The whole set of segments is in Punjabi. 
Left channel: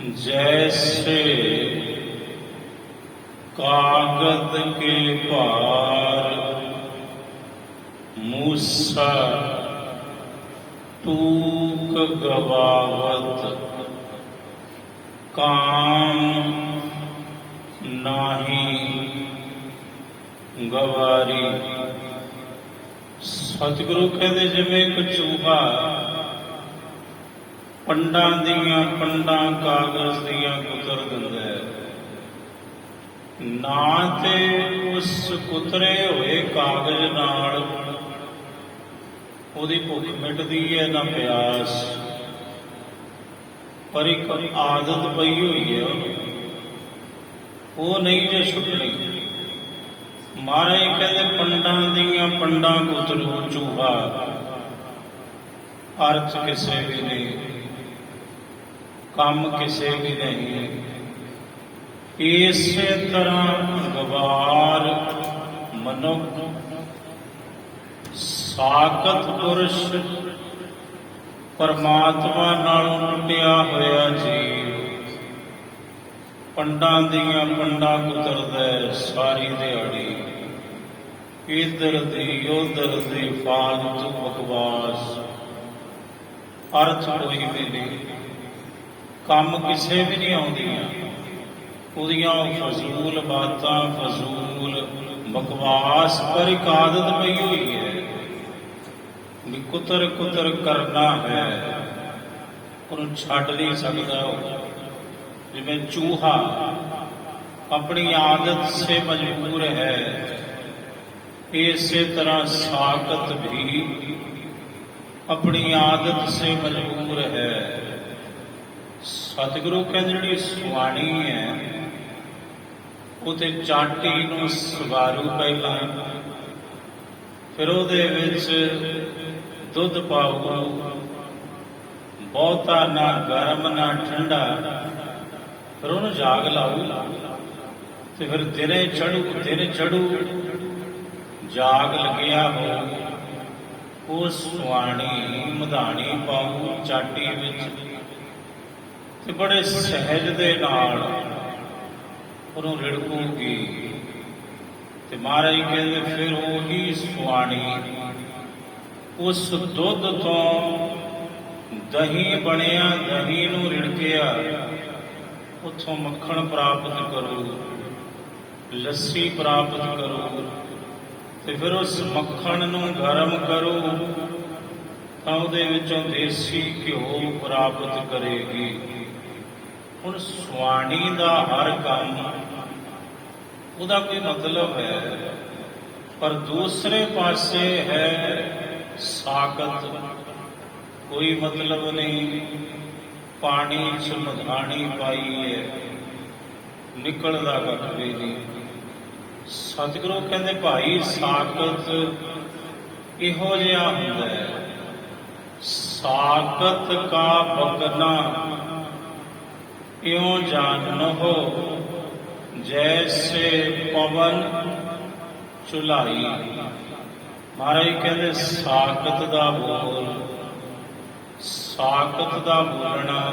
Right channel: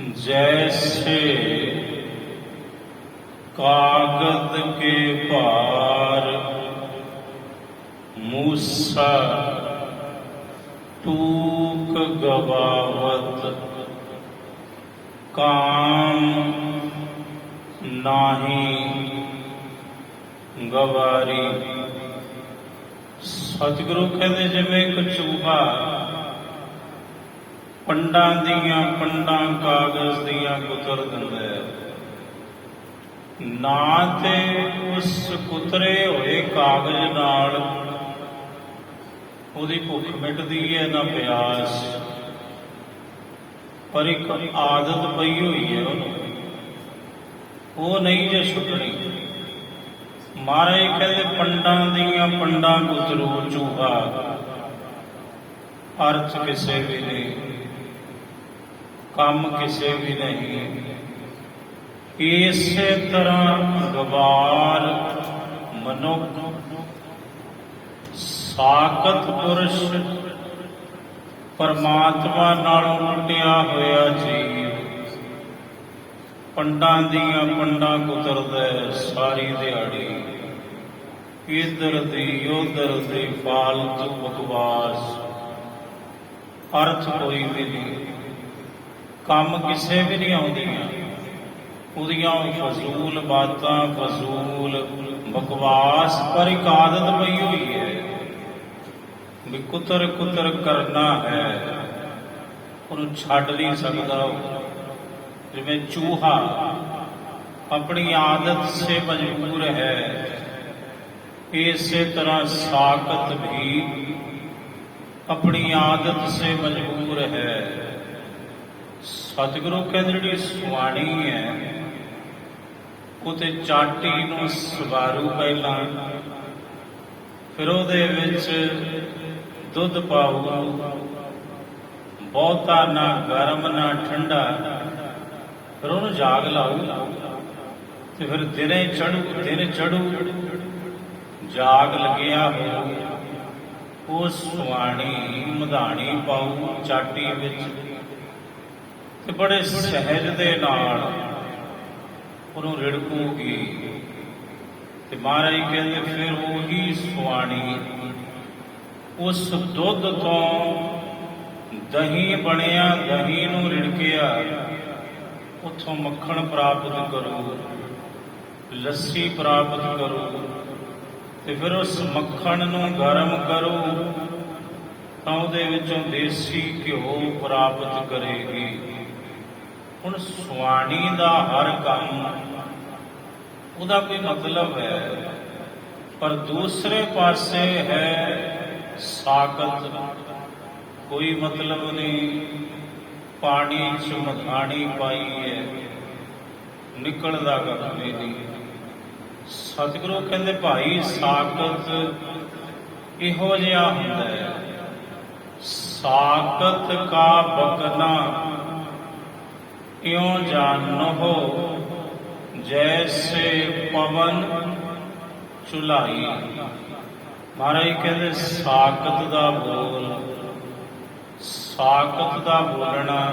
जैसे कागद के भार मूसा तूक गवावत, काम नाही गवारी। सतगुरु कहते जिवें एक चूहा पंडां दियां पंडां कागज दियां कुतर दिंदा है, ना ते उस कुतरे होए कागज नाल ਉਹਦੀ ਭੁੱਖ ਮਿਟਦੀ ਹੈ ਨਾ ਪਿਆਸ, ਪਰ ਇੱਕ ਆਦਤ ਪਈ ਹੋਈ ਹੈ ਉਹ ਨਹੀਂ ਜੇ ਛੁੱਟਣੀ। ਮਹਾਰਾਜ ਕਹਿੰਦੇ ਪੰਡਾਂ ਦੀਆਂ ਪੰਡਾਂ ਕੁਤਰੂ ਚੂਹਾ, ਅਰਥ ਕਿਸੇ ਵੀ ਨਹੀਂ, ਕੰਮ ਕਿਸੇ ਵੀ ਨਹੀਂ। ਇਸੇ ਤਰ੍ਹਾਂ ਗਵਾਰ ਮਨੁੱਖ ਸਾਕਤ ਪੁਰਸ਼ ਪਰਮਾਤਮਾ ਨਾਲੋਂ ਟੁੱਟਿਆ ਹੋਇਆ ਜੀਵ ਪੰਡਾਂ ਦੀਆਂ ਪੰਡਾਂ ਕੁਤਰਦਾ ਸਾਰੀ ਦਿਹਾੜੀ, ਇੱਧਰ ਦੀ ਉੱਧਰ ਦੀ ਫਾਲਤੂ ਬਕਵਾਸ, ਅਰਥ ਕੋਈ ਵੀ ਨਹੀਂ, ਕੰਮ ਕਿਸੇ ਵੀ ਨਹੀਂ ਆਉਂਦੀਆਂ ਉਹਦੀਆਂ, ਫਜ਼ੂਲ ਬਾਤਾਂ ਫਜ਼ੂਲ ਬਕਵਾਸ, ਪਰ ਇੱਕ ਆਦਤ ਪਈ ਹੋਈ ਹੈ ਵੀ ਕੁਤਰ ਕੁਤਰ ਕਰਨਾ ਹੈ, ਉਹਨੂੰ ਛੱਡ ਨਹੀਂ ਸਕਦਾ। ਜਿਵੇਂ ਚੂਹਾ ਆਪਣੀ ਆਦਤ ਸੇ ਮਜਬੂਰ ਹੈ, ਇਸੇ ਤਰ੍ਹਾਂ ਸਾਕਤ ਵੀ ਆਪਣੀ ਆਦਤ ਸੇ ਮਜਬੂਰ ਹੈ। ਸਤਿਗੁਰੂ ਕਹਿੰਦੇ ਜਿਹੜੀ ਸੁਆਣੀ ਹੈ ਉਹ ਤੇ ਚਾਟੀ ਨੂੰ ਸਵਾਰੂ ਪਹਿਲਾਂ, ਫਿਰ ਉਹਦੇ ਵਿੱਚ ਦੁੱਧ ਪਾਊ, ਬਹੁਤਾ ਨਾ ਗਰਮ ਨਾ ਠੰਡਾ, ਫਿਰ ਉਹਨੂੰ ਜਾਗ ਲਾਊ, ਤੇ ਫਿਰ ਦਿਨੇ ਚੜੂ ਜਾਗ ਲੱਗਿਆ ਹੋ, ਉਹ ਸੁਆਣੀ ਮਧਾਣੀ ਪਾਊ ਚਾਟੀ ਵਿੱਚ, ਤੇ ਬੜੇ ਸਹਿਜ ਦੇ ਨਾਲ ਉਹਨੂੰ ਰਿੜਕੂਗੀ। ਤੇ ਮਹਾਰਾਜ ਕਹਿੰਦੇ ਫਿਰ ਉਹੀ ਸੁਆਣੀ ਉਸ ਦੁੱਧ ਤੋਂ ਦਹੀਂ ਬਣਿਆ, ਦਹੀਂ ਨੂੰ ਰਿੜਕਿਆ, ਉੱਥੋਂ ਮੱਖਣ ਪ੍ਰਾਪਤ ਕਰੂ, ਲੱਸੀ ਪ੍ਰਾਪਤ ਕਰੂ, ਤੇ ਫਿਰ ਉਸ ਮੱਖਣ ਨੂੰ ਗਰਮ ਕਰੂ ਤਾਂ ਉਹਦੇ ਵਿੱਚੋਂ ਦੇਸੀ ਘਿਓ ਪ੍ਰਾਪਤ ਕਰੇਗੀ। ਹੁਣ ਸੁਆਣੀ ਦਾ ਹਰ ਕੰਮ ਉਹਦਾ ਕੋਈ ਮਤਲਬ ਹੈ, ਪਰ ਦੂਸਰੇ ਪਾਸੇ ਹੈ ਸਾਕਤ, ਕੋਈ ਮਤਲਬ ਨਹੀਂ। ਪਾਣੀ 'ਚ ਮਧਾਣੀ ਪਾਈ ਹੈ, ਨਿਕਲਦਾ ਕੱਖ ਵੀ ਨਹੀਂ। ਸਤਿਗੁਰੂ ਕਹਿੰਦੇ ਭਾਈ ਸਾਕਤ ਇਹੋ ਜਿਹਾ ਹੁੰਦਾ ਹੈ, ਸਾਕਤ ਕਾ ਬਗਨਾ ਇਉਂ ਜਾਨੋ ਜੈਸੇ ਪਵਨ ਚੁਲਾਈ। ਮਹਾਰਾਜ ਕਹਿੰਦੇ ਸਾਕਤ ਦਾ ਬੋਲ, ਸਾਕਤ ਦਾ ਬੋਲਣਾ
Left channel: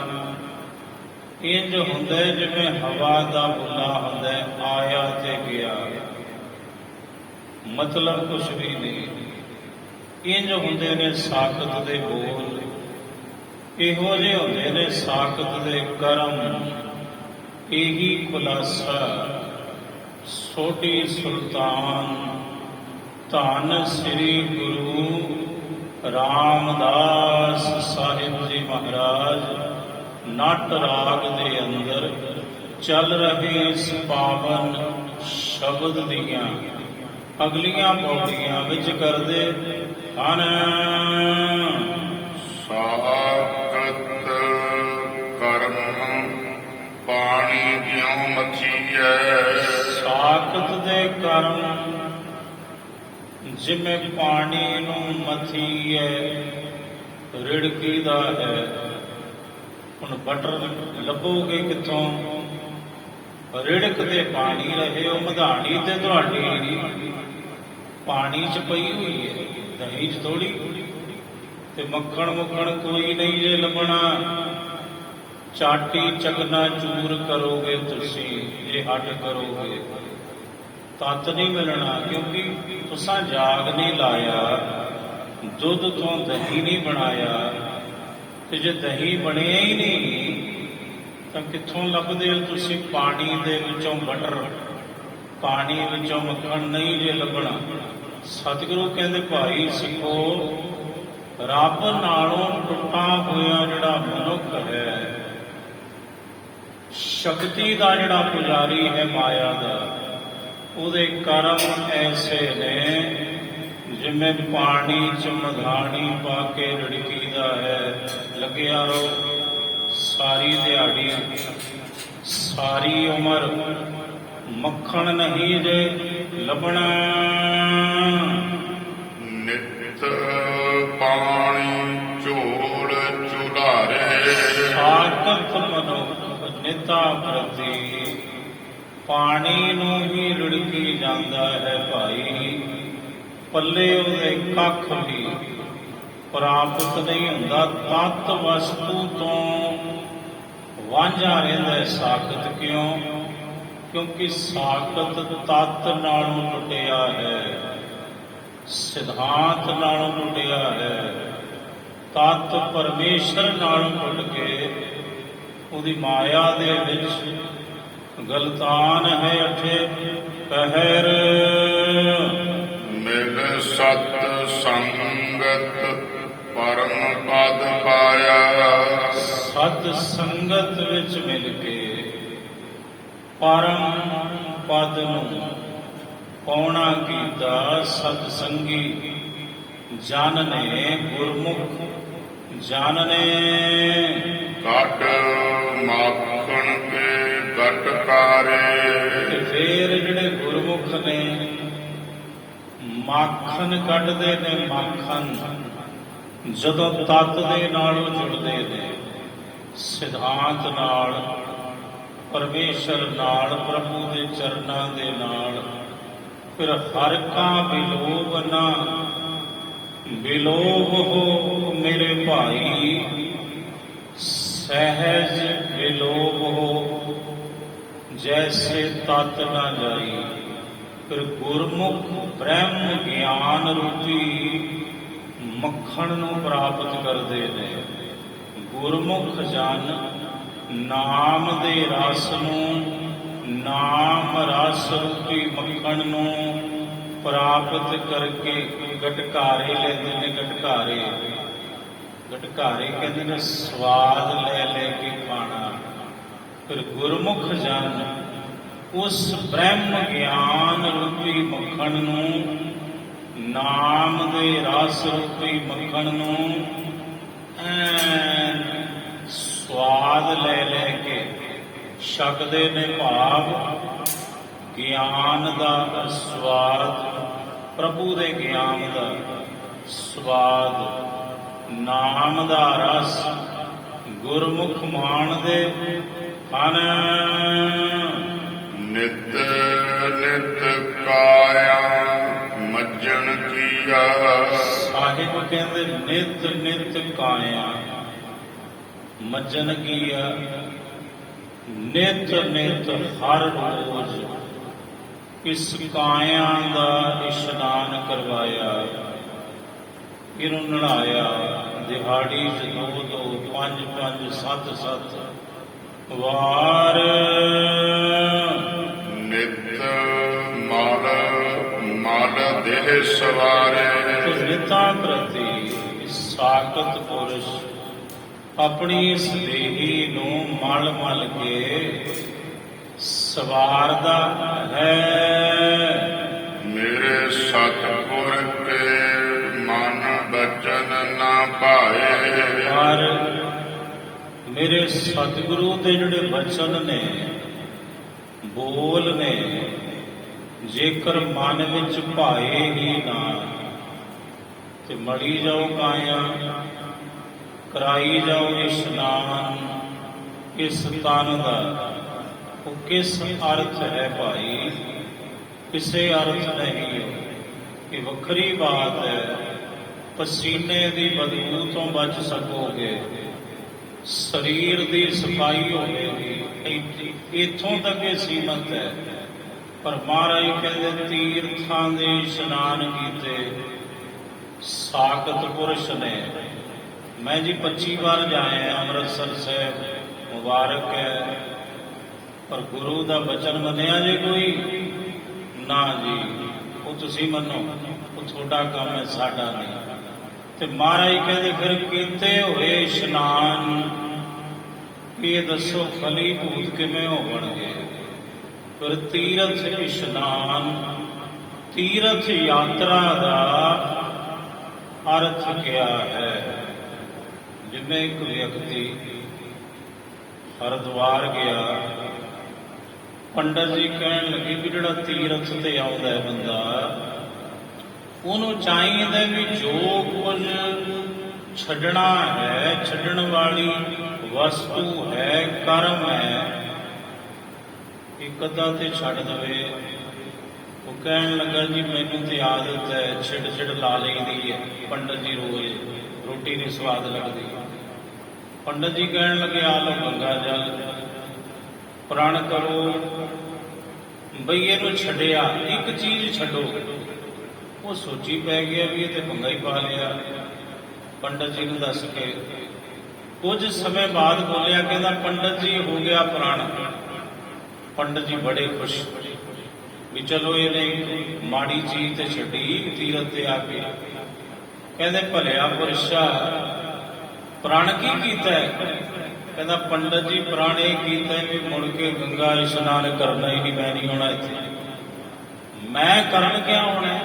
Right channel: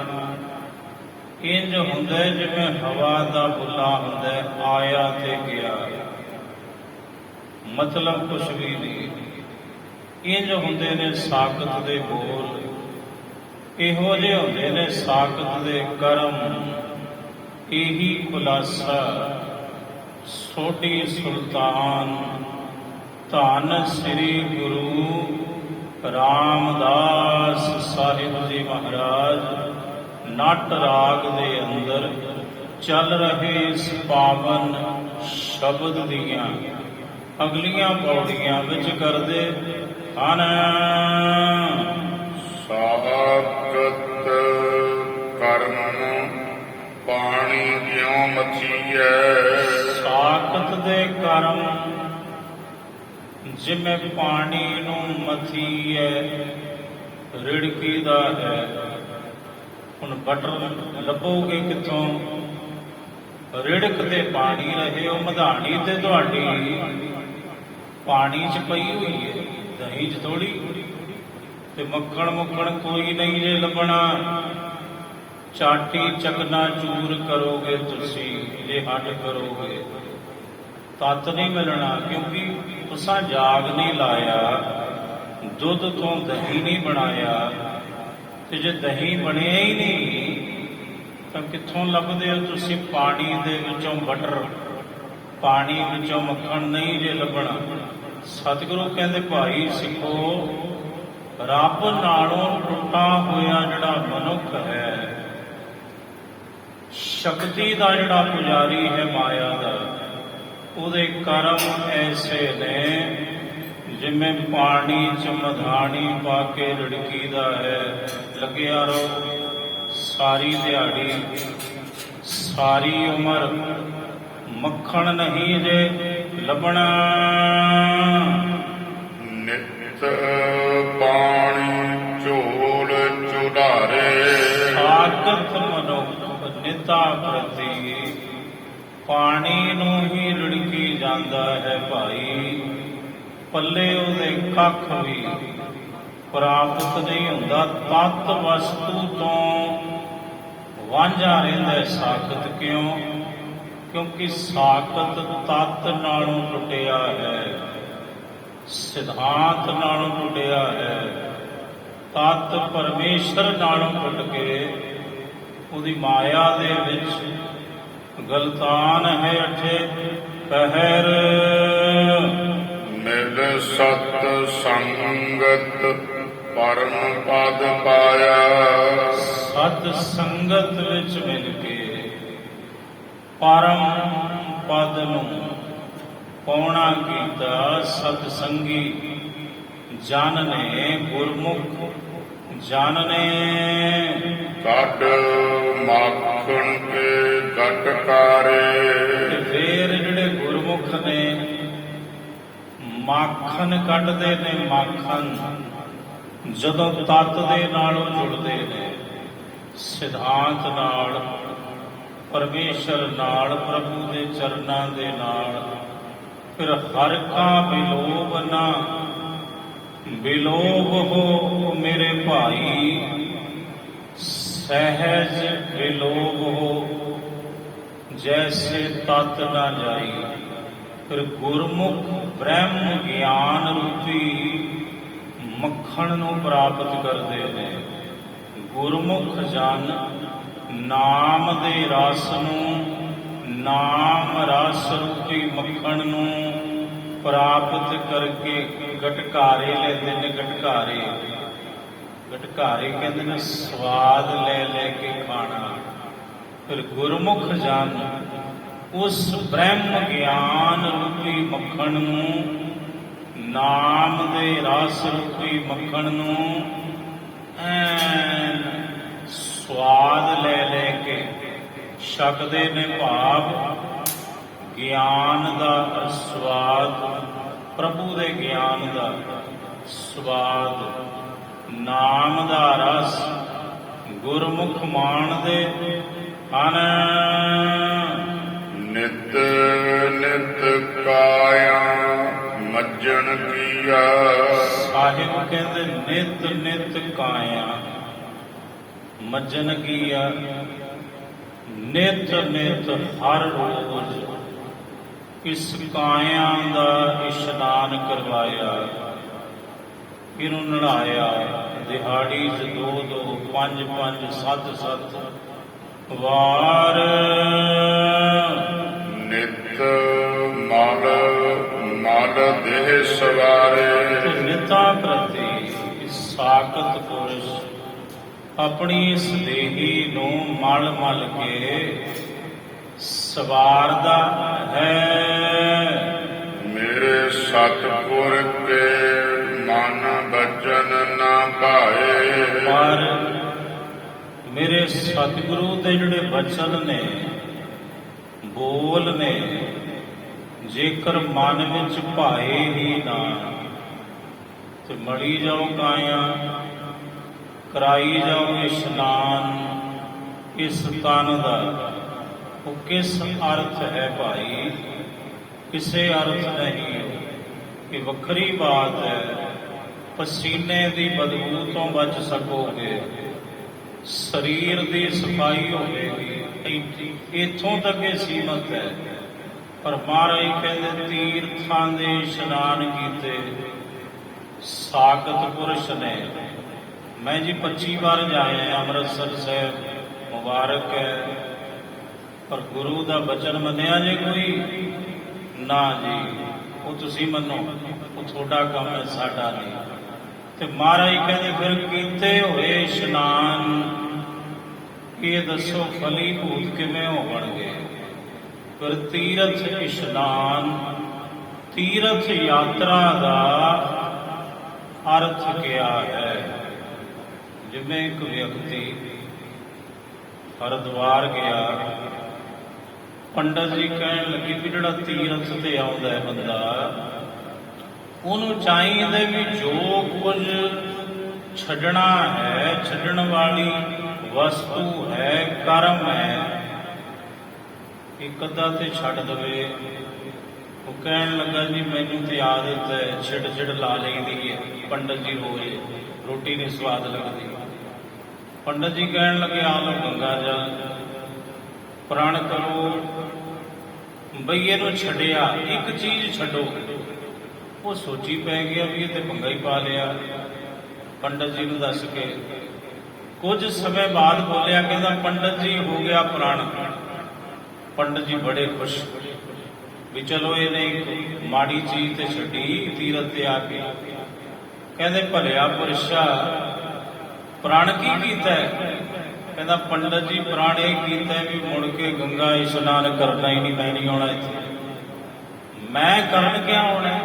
ਇੰਝ ਹੁੰਦਾ ਜਿਵੇਂ ਹਵਾ ਦਾ ਬੁੱਲਾ ਹੁੰਦਾ, ਆਇਆ ਤੇ ਗਿਆ, ਮਤਲਬ ਕੁਛ ਵੀ ਨਹੀਂ। ਇੰਝ ਹੁੰਦੇ ਨੇ ਸਾਕਤ ਦੇ ਬੋਲ, ਇਹੋ ਜਿਹੇ ਹੁੰਦੇ ਨੇ ਸਾਕਤ ਦੇ ਕਰਮ। ਇਹੀ ਖੁਲਾਸਾ ਸੋਢੀ ਸੁਲਤਾਨ ਧੰਨ ਸ੍ਰੀ ਗੁਰੂ ਰਾਮਦਾਸ ਸਾਹਿਬ ਜੀ ਮਹਾਰਾਜ ਨਟ ਰਾਗ ਦੇ ਅੰਦਰ ਚੱਲ ਰਹੇ ਇਸ ਪਾਵਨ ਸ਼ਬਦ ਦੀਆਂ ਅਗਲੀਆਂ ਪੌੜੀਆਂ ਵਿੱਚ ਕਰਦੇ ਹਨ। ਸਾਕਤ ਕਰਮ ਪਾਣੀ ਜਿਉ ਮਚੀਐ। ਸਾਕਤ ਦੇ ਕਰਮ ਜਿਵੇਂ ਪਾਣੀ ਨੂੰ ਮਥੀਐ, ਰਿੜਕੀ ਦਾ ਹੈ। ਹੁਣ ਬਟਰ ਲੱਭੋਗੇ ਕਿੱਥੋਂ? ਰਿੜਕ ਤੇ ਪਾਣੀ ਰਹੇ, ਉਹ ਮਧਾਣੀ ਤੇ ਤੁਹਾਡੀ ਪਾਣੀ 'ਚ ਪਈ ਹੋਈ ਹੈ, ਦਹੀਂ 'ਚ ਥੋੜੀ। ਤੇ ਮੱਖਣ ਮੁੱਖਣ ਕੋਈ ਨਹੀਂ ਜੇ ਲੱਭਣਾ, ਚਾਟੀ ਚਕਨਾ ਚੂਰ ਕਰੋਗੇ ਤੁਸੀਂ, ਜੇ ਹੱਡ ਕਰੋਗੇ ਤਤ ਨਹੀਂ ਮਿਲਣਾ, ਕਿਉਂਕਿ ਤੁਸਾਂ ਜਾਗ ਨਹੀਂ ਲਾਇਆ, ਦੁੱਧ ਤੋਂ ਦਹੀਂ ਨਹੀਂ ਬਣਾਇਆ, ਤੇ ਜੇ ਦਹੀਂ ਬਣਿਆ ਹੀ ਨਹੀਂ ਤਾਂ ਕਿੱਥੋਂ ਲੱਭਦੇ ਹੋ ਤੁਸੀਂ ਪਾਣੀ ਦੇ ਵਿੱਚੋਂ ਬਟਰ, ਪਾਣੀ ਵਿੱਚੋਂ ਮੱਖਣ ਨਹੀਂ ਜੇ ਲੱਭਣਾ। ਸਤਿਗੁਰੂ ਕਹਿੰਦੇ ਭਾਈ ਸਿੱਖੋ, ਰੱਬ ਨਾਲੋਂ ਟੁੱਟਾ ਹੋਇਆ ਜਿਹੜਾ ਮਨੁੱਖ ਹੈ, ਸ਼ਕਤੀ ਦਾ ਜਿਹੜਾ ਪੁਜਾਰੀ ਹੈ ਮਾਇਆ ਦਾ, ਉਹਦੇ ਕਰਮ ਐਸੇ ਨੇ ਜਿਵੇਂ ਪਾਣੀ ਚ ਮਧਾਣੀ ਪਾ ਕੇ ਰਿੜਕੀਦਾ ਹੈ। ਲੱਗਿਆ ਰਹੋ ਸਾਰੀ ਦਿਹਾੜੀ ਸਾਰੀ ਉਮਰ, ਮੱਖਣ ਨਹੀਂ ਜੇ ਲੱਭਣਾ। ਨਿਤ ਪਾਣੀ ਝੋਲ ਚੁਢਾਰੇ, ਸਾਖਤ ਮਨੁੱਖ ਨਿਤਾ ਪ੍ਰਤੀ ਪਾਣੀ ਨੂੰ ਹੀ ਰਿੜਕੀ ਜਾਂਦਾ ਹੈ ਭਾਈ, ਪੱਲੇ ਉਹਦੇ ਕੱਖ ਵੀ ਪ੍ਰਾਪਤ ਨਹੀਂ ਹੁੰਦਾ। ਤਤ ਵਸਤੂ ਤੋਂ ਵਾਂਝਾ ਰਹਿੰਦਾ ਸਾਖਤ। ਕਿਉਂ? ਕਿਉਂਕਿ ਸਾਖਤ ਤਤ ਨਾਲੋਂ ਟੁੱਟਿਆ ਹੈ, ਸਿਧਾਂਤ ਨਾਲੋਂ ਟੁੱਟਿਆ ਹੈ। ਤਤ ਪਰਮੇਸ਼ਰ ਨਾਲੋਂ ਟੁੱਟ ਕੇ ਉਹਦੀ ਮਾਇਆ ਦੇ ਵਿੱਚ ਗਲਤਾਨ ਹੈ ਅਠੇ ਪਹਿਰ। ਮਿਲ ਸਤ ਸੰਗਤ ਪਰਮ ਪਦ ਪਾਇਆ, ਸਤ ਸੰਗਤ ਵਿੱਚ ਮਿਲ ਕੇ ਪਰਮ ਪਦ ਨੂੰ ਪਾਉਣਾ ਕੀਤਾ। ਸਤ ਸੰਗੀ ਜਨ ਨੇ, ਗੁਰਮੁਖ ਜਨ ਨੇ, ਕੱਢ ਮਾਖਣ ਕੇ ਗਟਕਾਰੇ, ਤੇ ਫੇਰ ਜਿਹੜੇ ਗੁਰਮੁਖ ਨੇ ਮਾਖਣ ਕੱਢਦੇ ਨੇ। ਮਾਖਣ ਜਦੋਂ ਤਤ ਦੇ ਨਾਲੋਂ ਜੁੜਦੇ ਨੇ, ਸਿਧਾਂਤ ਨਾਲ, ਪਰਮੇਸ਼ਰ ਨਾਲ, ਪ੍ਰਭੂ ਦੇ ਚਰਨਾਂ ਦੇ ਨਾਲ, ਫਿਰ ਹਰ ਕਾ ਵਿਲੋਭ ਨਾ ਵਿਲੋਭ ਹੋ ਮੇਰੇ ਭਾਈ, ਸਹਿਜ ਵਿਲੋਭ ਹੋ ਜੈਸੇ ਤਤ ਨਾ ਜਾਈ। ਫਿਰ ਗੁਰਮੁਖ ਬ੍ਰਹਮ ਗਿਆਨ ਰੂਪੀ ਮੱਖਣ ਨੂੰ ਪ੍ਰਾਪਤ ਕਰਦੇ ਨੇ। ਗੁਰਮੁਖ ਜਨ ਨਾਮ ਦੇ ਰਸ ਨੂੰ, ਨਾਮ ਰਸ ਰੂਪੀ ਮੱਖਣ ਨੂੰ ਪ੍ਰਾਪਤ ਕਰਕੇ ਗਟਕਾਰੇ ਲੈਂਦੇ ਨੇ। ਗਟਕਾਰੇ, ਗਟਕਾਰੇ ਕਹਿੰਦੇ ਨੇ ਸਵਾਦ ਲੈ ਲੈ ਕੇ ਖਾਣਾ। ਫਿਰ ਗੁਰਮੁਖ ਜਨ ਉਸ ਬ੍ਰਹਮ ਗਿਆਨ ਰੂਪੀ ਮੱਖਣ ਨੂੰ, ਨਾਮ ਦੇ ਰਸ ਰੂਪੀ ਮੱਖਣ ਨੂੰ ਐਨ ਸਵਾਦ ਲੈ ਲੈ ਕੇ ਛਕਦੇ ਨੇ। ਭਾਵ ਗਿਆਨ ਦਾ ਸਵਾਦ, ਪ੍ਰਭੂ ਦੇ ਗਿਆਨ ਦਾ ਸਵਾਦ, ਨਾਮ ਦਾ ਰਸ ਗੁਰਮੁਖ ਮਾਣਦੇ ਹਨ। ਨਿਤ ਨਿਤ ਕਾਇਆ ਮੱਜਣ ਕੀਆ, ਸਾਹਿਬ ਕਹਿੰਦੇ ਨਿਤ ਨਿਤ ਕਾਇਆ ਮੱਜਣ ਕੀਆ। ਨਿਤ ਨਿਤ ਹਰ ਰੋਜ਼ ਇਸ ਕਾਇਆ ਦਾ ਇਸ਼ਨਾਨ ਕਰਵਾਇਆ, ਇਹਨੂੰ ਨਹਾਇਆ। ਦਿਹਾੜੀ 'ਚ 2-2, 5-5, 7-7 ਵਾਰ। ਨਿਤ ਮਲ ਮਲ ਦੇਹ ਸਵਾਰੇ, ਨਿਤਾ ਪ੍ਰਤੀ ਸਾਖਤ ਪੁਰਸ਼ ਆਪਣੀ ਇਸ ਦੇਹੀ ਨੂੰ ਮਲ ਮਲ ਕੇ ਸਵਾਰਦਾ ਹੈ। ਮੇਰੇ ਸਤਿਗੁਰ ਕੇ ਮਨ ਬਚਨ ਨਾ ਭਾਏ, ਪਰ ਮੇਰੇ ਸਤਿਗੁਰੂ ਦੇ ਜਿਹੜੇ ਬਚਨ ਨੇ, ਬੋਲ ਨੇ, ਜੇਕਰ ਮਨ ਵਿੱਚ ਭਾਏ ਹੀ ਨਾ, ਤੇ ਮੜੀ ਜਾਓ ਕਾਇਆ, ਕਰਾਈ ਜਾਓ ਇਸ਼ਨਾਨ ਇਸ ਤਨ ਦਾ। ਉਹ ਕਿਸ ਅਰਥ ਹੈ ਭਾਈ? ਕਿਸੇ ਅਰਥ ਨਹੀਂ। ਇਹ ਵੱਖਰੀ ਬਾਤ ਹੈ, ਪਸੀਨੇ ਦੀ ਬਦਬੂ ਤੋਂ ਬਚ ਸਕੋਗੇ, ਸਰੀਰ ਦੀ ਸਫਾਈ ਹੋਵੇਗੀ, ਇੱਥੋਂ ਤੱਕ ਇਹ ਸੀਮਤ ਹੈ। ਪਰ ਮਹਾਰਾਜ ਕਹਿੰਦੇ ਤੀਰਥਾਂ ਦੇ ਇਸ਼ਨਾਨ ਕੀਤੇ ਸਾਖਤ ਪੁਰਸ਼ ਨੇ। ਮੈਂ ਜੀ 25 ਵਾਰ ਜਾਇਆ ਅੰਮ੍ਰਿਤਸਰ ਸਾਹਿਬ, ਮੁਬਾਰਕ ਹੈ, ਪਰ ਗੁਰੂ ਦਾ ਬਚਨ ਮੰਨਿਆ ਜੇ ਕੋਈ ਨਾ ਜੀ, ਉਹ ਤੁਸੀਂ ਮੰਨੋ, ਉਹ ਤੁਹਾਡਾ ਕੰਮ ਹੈ, ਸਾਡਾ ਨਹੀਂ। ਤੇ ਮਹਾਰਾਜ ਕਹਿੰਦੇ ਫਿਰ ਕੀਤੇ ਹੋਏ ਇਸ਼ਨਾਨ, ਇਹ ਦੱਸੋ ਫਲੀਭੂਤ ਕਿਵੇਂ ਹੋਣਗੇ? ਫਿਰ ਤੀਰਥ ਇਸ਼ਨਾਨ, ਤੀਰਥ ਯਾਤਰਾ ਦਾ ਅਰਥ ਕਿਆ ਹੈ? ਜਿਵੇਂ ਇੱਕ ਵਿਅਕਤੀ ਹਰਿਦੁਆਰ ਗਿਆ, ਪੰਡਤ ਜੀ ਕਹਿਣ ਲੱਗੇ ਵੀ ਜਿਹੜਾ ਤੀਰਥ ਤੇ ਆਉਂਦਾ ਹੈ ਬੰਦਾ, ਉਹਨੂੰ ਚਾਹੀਦਾ ਵੀ ਜੋ ਕੁਝ ਛੱਡਣਾ ਹੈ, ਛੱਡਣ ਵਾਲੀ ਵਸਤੂ ਹੈ, ਕਰਮ ਹੈ, ਇੱਕ ਅੱਧਾ ਤੇ ਛੱਡ ਦੇਵੇ। ਉਹ ਕਹਿਣ ਲੱਗਾ ਜੀ ਮੈਨੂੰ ਤੇ ਆਦਤ ਹੈ ਛਿੜ ਲਾ ਲਈਦੀ ਹੈ। ਪੰਡਤ ਜੀ ਰੋਜ਼ ਰੋਟੀ ਨਹੀਂ ਸਵਾਦ ਲੱਗਦੀ। ਪੰਡਤ ਜੀ ਕਹਿਣ ਲੱਗੇ ਆ ਲੋ ਗੰਗਾ ਜਲ, ਪ੍ਰਣ ਕਰੋ ਬਈ ਇਹਨੂੰ ਛੱਡਿਆ, ਇੱਕ ਚੀਜ਼ ਛੱਡੋ। ਉਹ ਸੋਚੀ ਪੈ ਗਿਆ ਵੀ ਇਹ ਤੇ ਭੰਗਾ ਹੀ ਪਾ ਲਿਆ। ਪੰਡਤ ਜੀ ਨੂੰ ਦੱਸ ਕੇ ਕੁਝ ਸਮੇਂ ਬਾਅਦ ਬੋਲਿਆ, ਕਹਿੰਦਾ ਪੰਡਤ ਜੀ ਹੋ ਗਿਆ ਪ੍ਰਣ। ਪੰਡਤ ਜੀ ਬੜੇ ਖੁਸ਼ ਵੀ ਚਲੋ ਇਹਨੇ ਮਾੜੀ ਚੀਜ਼ ਤੇ ਛੱਡੀ ਤੀਰਥ ਤੇ ਆ ਕੇ। ਕਹਿੰਦੇ ਭਲਿਆ ਪੁਰਸ਼ਾ ਪ੍ਰਣ ਕੀ ਕੀਤਾ ਹੈ? ਕਹਿੰਦਾ ਪੰਡਤ ਜੀ ਪ੍ਰਣ ਇਹ ਕੀਤਾ ਵੀ ਮੁੜ ਕੇ ਗੰਗਾ ਇਸ਼ਨਾਨ ਕਰਨਾ ਹੀ ਨਹੀਂ, ਮੈਂ ਨਹੀਂ ਆਉਣਾ ਇੱਥੇ। ਮੈਂ ਕਰਨ ਕਿਆ ਆਉਣਾ?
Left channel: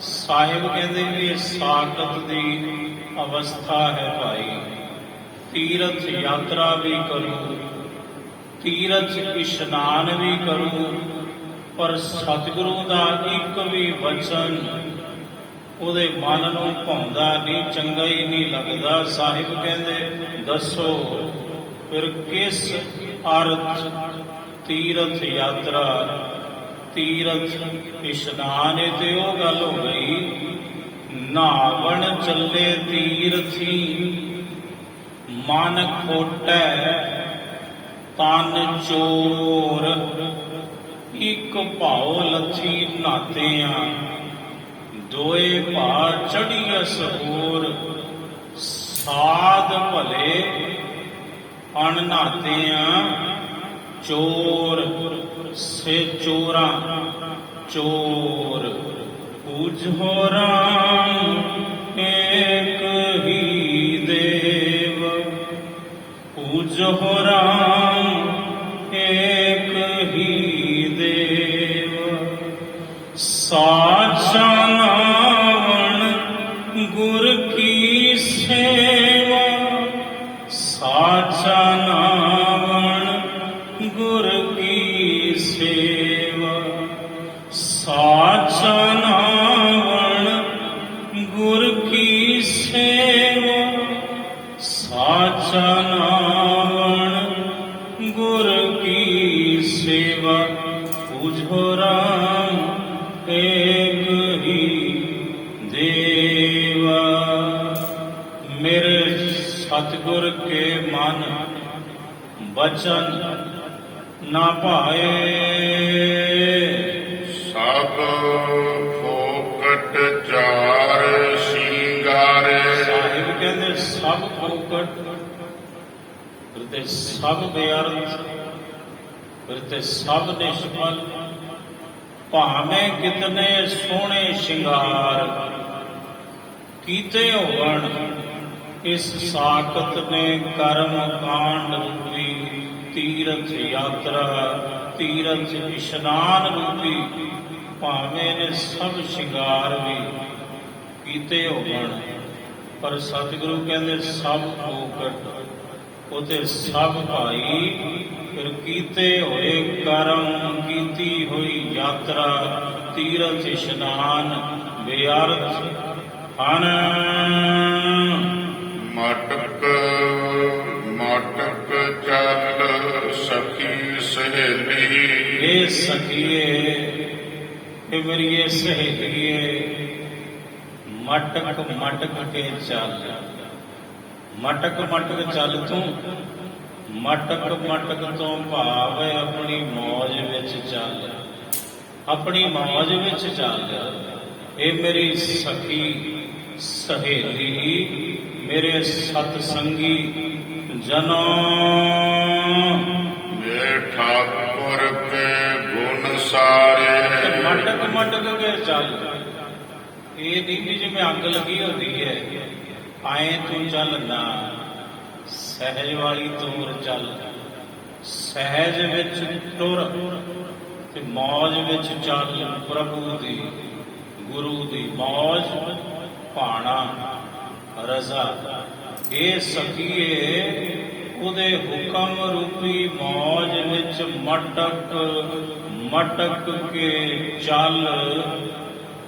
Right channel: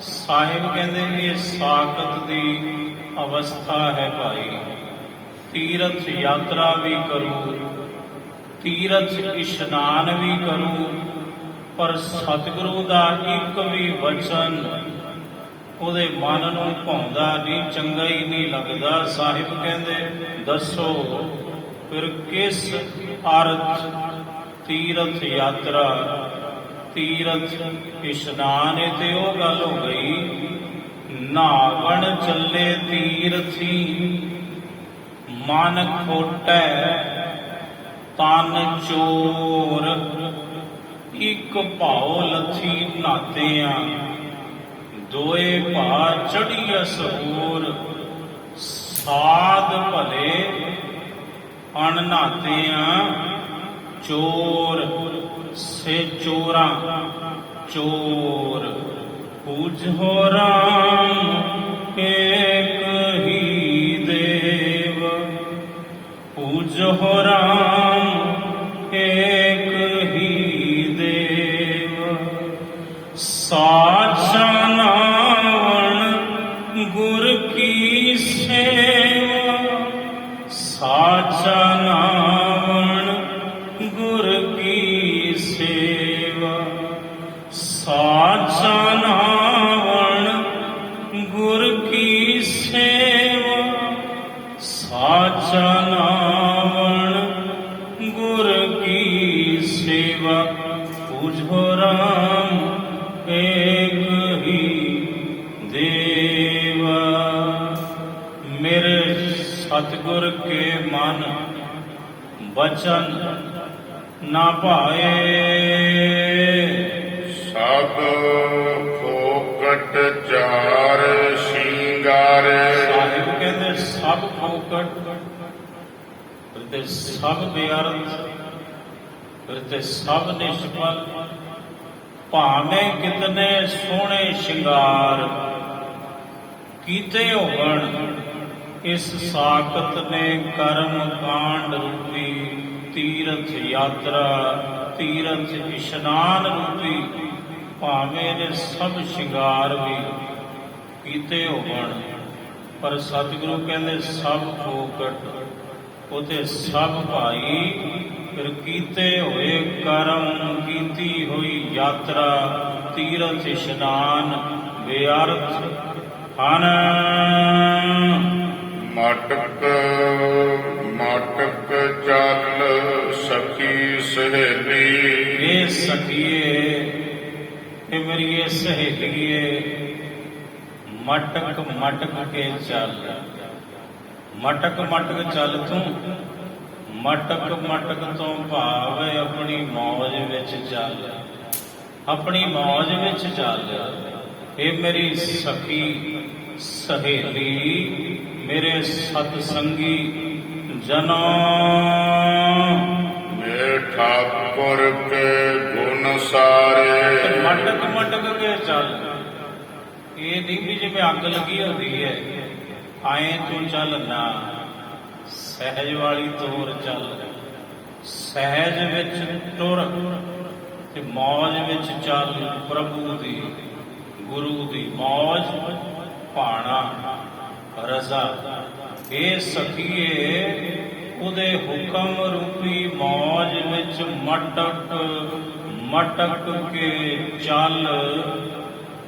ਸਾਹਿਬ ਕਹਿੰਦੇ ਵੀ ਇਹ ਸਾਖਤ ਦੀ ਅਵਸਥਾ ਹੈ ਭਾਈ। ਤੀਰਥ ਯਾਤਰਾ ਵੀ ਕਰੂ, ਤੀਰਥ ਇਸ਼ਨਾਨ ਵੀ ਕਰੂ, ਪਰ ਸਤਿਗੁਰੂ ਦਾ ਇੱਕ ਵੀ ਵਚਨ ਉਹਦੇ ਮਨ ਨੂੰ ਭਾਉਂਦਾ ਨਹੀਂ, ਚੰਗਾ ਹੀ ਨਹੀਂ ਲੱਗਦਾ। ਸਾਹਿਬ ਕਹਿੰਦੇ ਦੱਸੋ ਫਿਰ ਕਿਸ ਅਰਥ ਤੀਰਥ ਯਾਤਰਾ, ਤੀਰਥ ਇਸ਼ਨਾਨ? ਤੇ ਉਹ ਗੱਲ ਹੋ ਗਈ ਨਾਵਣ ਚੱਲੇ ਤੀਰਥੀ, ਮਨ ਖੋਟੈ ਤਨ ਚੋਰ, ਇੱਕ ਭਾਉ ਲੱਥੀ ਨਾਤਿਆਂ, ਦੋਏ ਭਾ ਚੜੀਐਸ ਹੋਰ, ਸਾਧ ਭਲੇ ਅਣ ਨਾਤਿਆਂ, ਚੋਰ ਸੇ ਚੋਰਾਂ ਚੋਰ। ਪੂਜੋ ਰਾਮ ਏਕ ਹੀ ਦੇਵ, ਪੂਜੋ ਰਾਮ ਏਕ ਹੀ ਦੇਵ, ਸਾਚਾ ਨਾਵਣ ਗੁਰ ਕੀ ਸੇਵਾ, ਸਾਚਾ ਨਾਵਣ ਗੁਰ ਕੀ ਸੇਵਾ, ਸਾਚਾ ਨਾਵਣ ਗੁਰ ਕੀ ਸੇਵਾ, ਸਾਚਾ ਨਾਵਣ ਗੁਰ ਕੀ ਸੇਵਾ। ਪੂਜੋ ਰਾਮ ਏਕ ਹੀ ਦੇਵਾ। ਮੇਰੇ ਸਤਿਗੁਰ ਕੇ ਮਨ ਬਚਨ ਨਾ ਭਾਏ, ਸਭ ਫੋਕਟ ਚਾਰ ਸ਼ਿੰਗਾਰੇ। ਸਾਹਿਬ ਕਹਿੰਦੇ ਸਭ ਫੋਕਟ, ਫਿਰ ਤੇ ਸਭ ਬੇਅਰਥ, ਫਿਰ ਤੇ ਸਭ ਨਿਸ਼ਫਲ। ਭਾਵੇਂ ਕਿਤਨੇ ਸੋਹਣੇ ਸ਼ਿੰਗਾਰ ਕੀਤੇ ਹੋਵਣ, ਇਸ ਸਾਖਤ ਨੇ ਕਰਮ ਕਾਂਡ ਰੂਪੀ ਤੀਰਥ ਯਾਤਰਾ, ਤੀਰਥ ਇਸ਼ਨਾਨ ਰੂਪੀ ਭਾਵੇਂ ਨੇ ਸਭ ਸ਼ਿੰਗਾਰ ਵੀ ਕੀਤੇ ਹੋਵਣ, ਪਰ ਸਤਿਗੁਰੂ ਕਹਿੰਦੇ ਸਭ ਫੋਕਟ, ਉਹਦੇ ਸਭ ਭਾਈ। ਫਿਰ ਕੀਤੇ ਹੋਏ ਕਰਮ, ਕੀਤੀ ਹੋਈ ਯਾਤਰਾ, ਤੀਰਥ ਇਸ਼ਨਾਨ ਬੇਅਰਥ ਹਨ। ਮਟਕ ਮਟਕ ਚੱਲ ਸਖੀ ਸਹੇਲੀ, ਇਹ ਸਖੀਏ ਇਹ ਮੇਰੀਏ ਸਹੇਲੀਏ, ਮਟਕ ਮਟਕ ਕੇ ਚੱਲ। ਮਟਕ ਮਟਕ ਚੱਲ ਤੂੰ, ਮਟਕ ਮਟਕ ਤੋਂ ਭਾਵ ਆਪਣੀ ਮੌਜ ਵਿੱਚ ਚੱਲ, ਆਪਣੀ ਮੌਜ ਵਿੱਚ ਚੱਲ। ਇਹ ਮੇਰੀ ਸਖੀ ਸਹੇਲੀ, ਮੇਰੇ ਸਤ ਸੰਗੀ ਜਨੋਂ, ये ठाकुर के गुण सारे। ਮਟਕ ਮਟਕ ਕੇ ਚੱਲ। ਇਹ ਨਹੀਂ ਵੀ ਜਿਵੇਂ ਅੱਗ ਲੱਗੀ ਹੁੰਦੀ ਹੈ ਆਏ ਤੂੰ ਚੱਲ ਨਾ, ਸਹਿਜ ਵਾਲੀ ਤੋਰ ਚੱਲ, ਸਹਿਜ ਵਿੱਚ ਟੁਰ ਤੇ ਮੌਜ ਵਿੱਚ ਚੱਲ। ਪ੍ਰਭੂ ਦੀ ਗੁਰੂ ਦੀ ਮੌਜ ਭਾਣਾ ਰਜ਼ਾ। ਇਹ ਸਖੀਏ ਉਹਦੇ ਹੁਕਮ ਰੂਪੀ ਮੌਜ ਵਿੱਚ ਮਟਕ ਮਟਕ ਕੇ ਚੱਲ